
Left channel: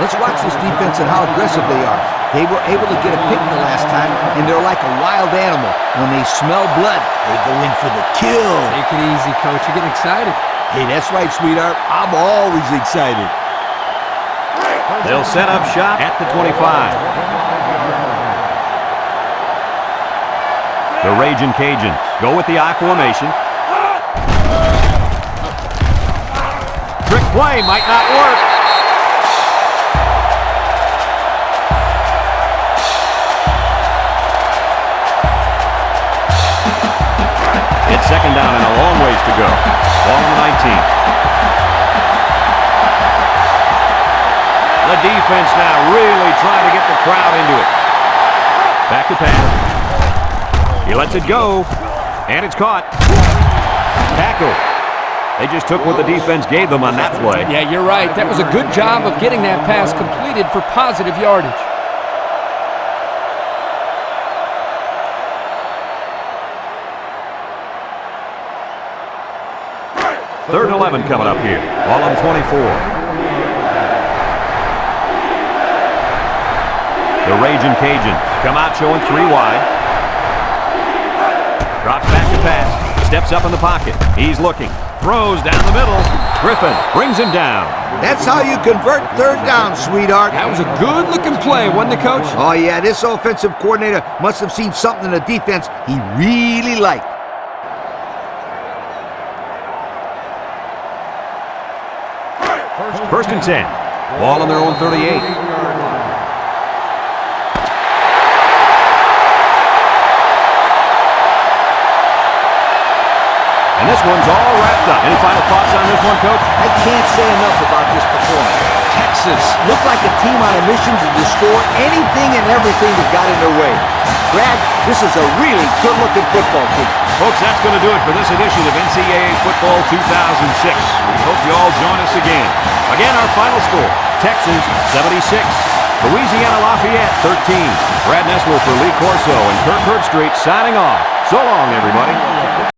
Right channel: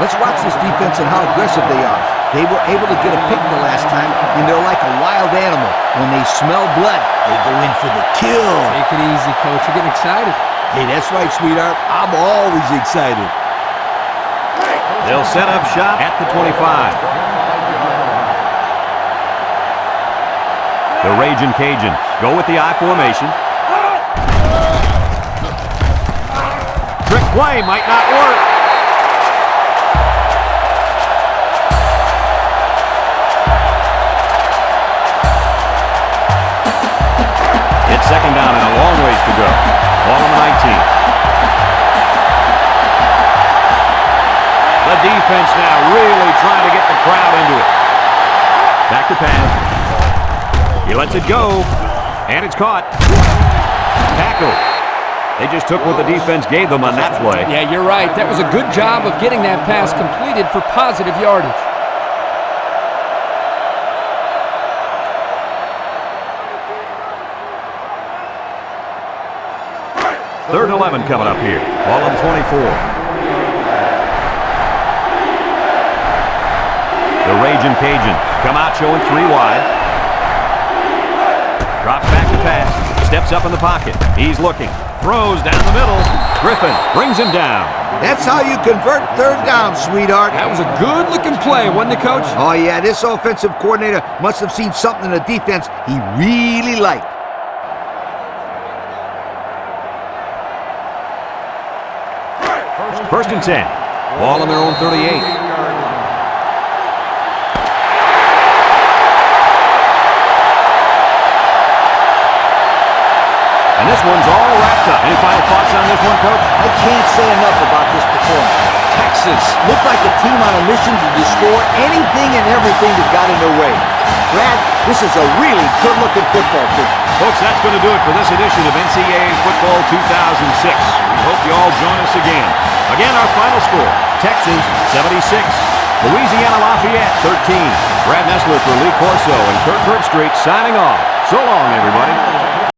Let's watch this defense and how aggressive they are. They were able to get a pick the last time, and they're like a wild animal. When they smell blood, they go in for the kill. Take it easy, Coach. You're getting excited. Hey, that's right, sweetheart. I'm always excited. They'll set up shop at the 25. 25-yard line. The Ragin' Cajuns go with the I formation. Trick play might not work. It's second down and a long ways to go. Ball on the 19. The defense now really trying to get the crowd into it. Back to pass. He lets it go, and it's caught. Tackle. They just took what the defense gave them on that play. Yeah, you're right. That was a good job of getting that pass completed for positive yardage. Third and 11 coming up here. Ball on the 24. The Ragin' Cajuns come out showing 3 wide. Drops back to pass. Steps up in the pocket. He's looking. Throws down the middle. Griffin brings him down. That's how you convert third down, sweetheart. That was a good-looking play, wasn't it, Coach? Oh, yeah, this offensive coordinator must have seen something in the defense he really liked. First and 10. Ball on their own 38. And this one's all wrapped up. Any final thoughts on this one, Coach? I can't say enough about this performance. Texas looked like a team on a mission to destroy anything and everything that got in their way. Brad, this is a really good-looking football team. Folks, that's going to do it for this edition of NCAA Football 2006. We hope you all join us again. Again, our final score, Texas 76, Louisiana-Lafayette 13. Brad Nessler for Lee Corso and Kirk Herbstreit signing off. So long, everybody.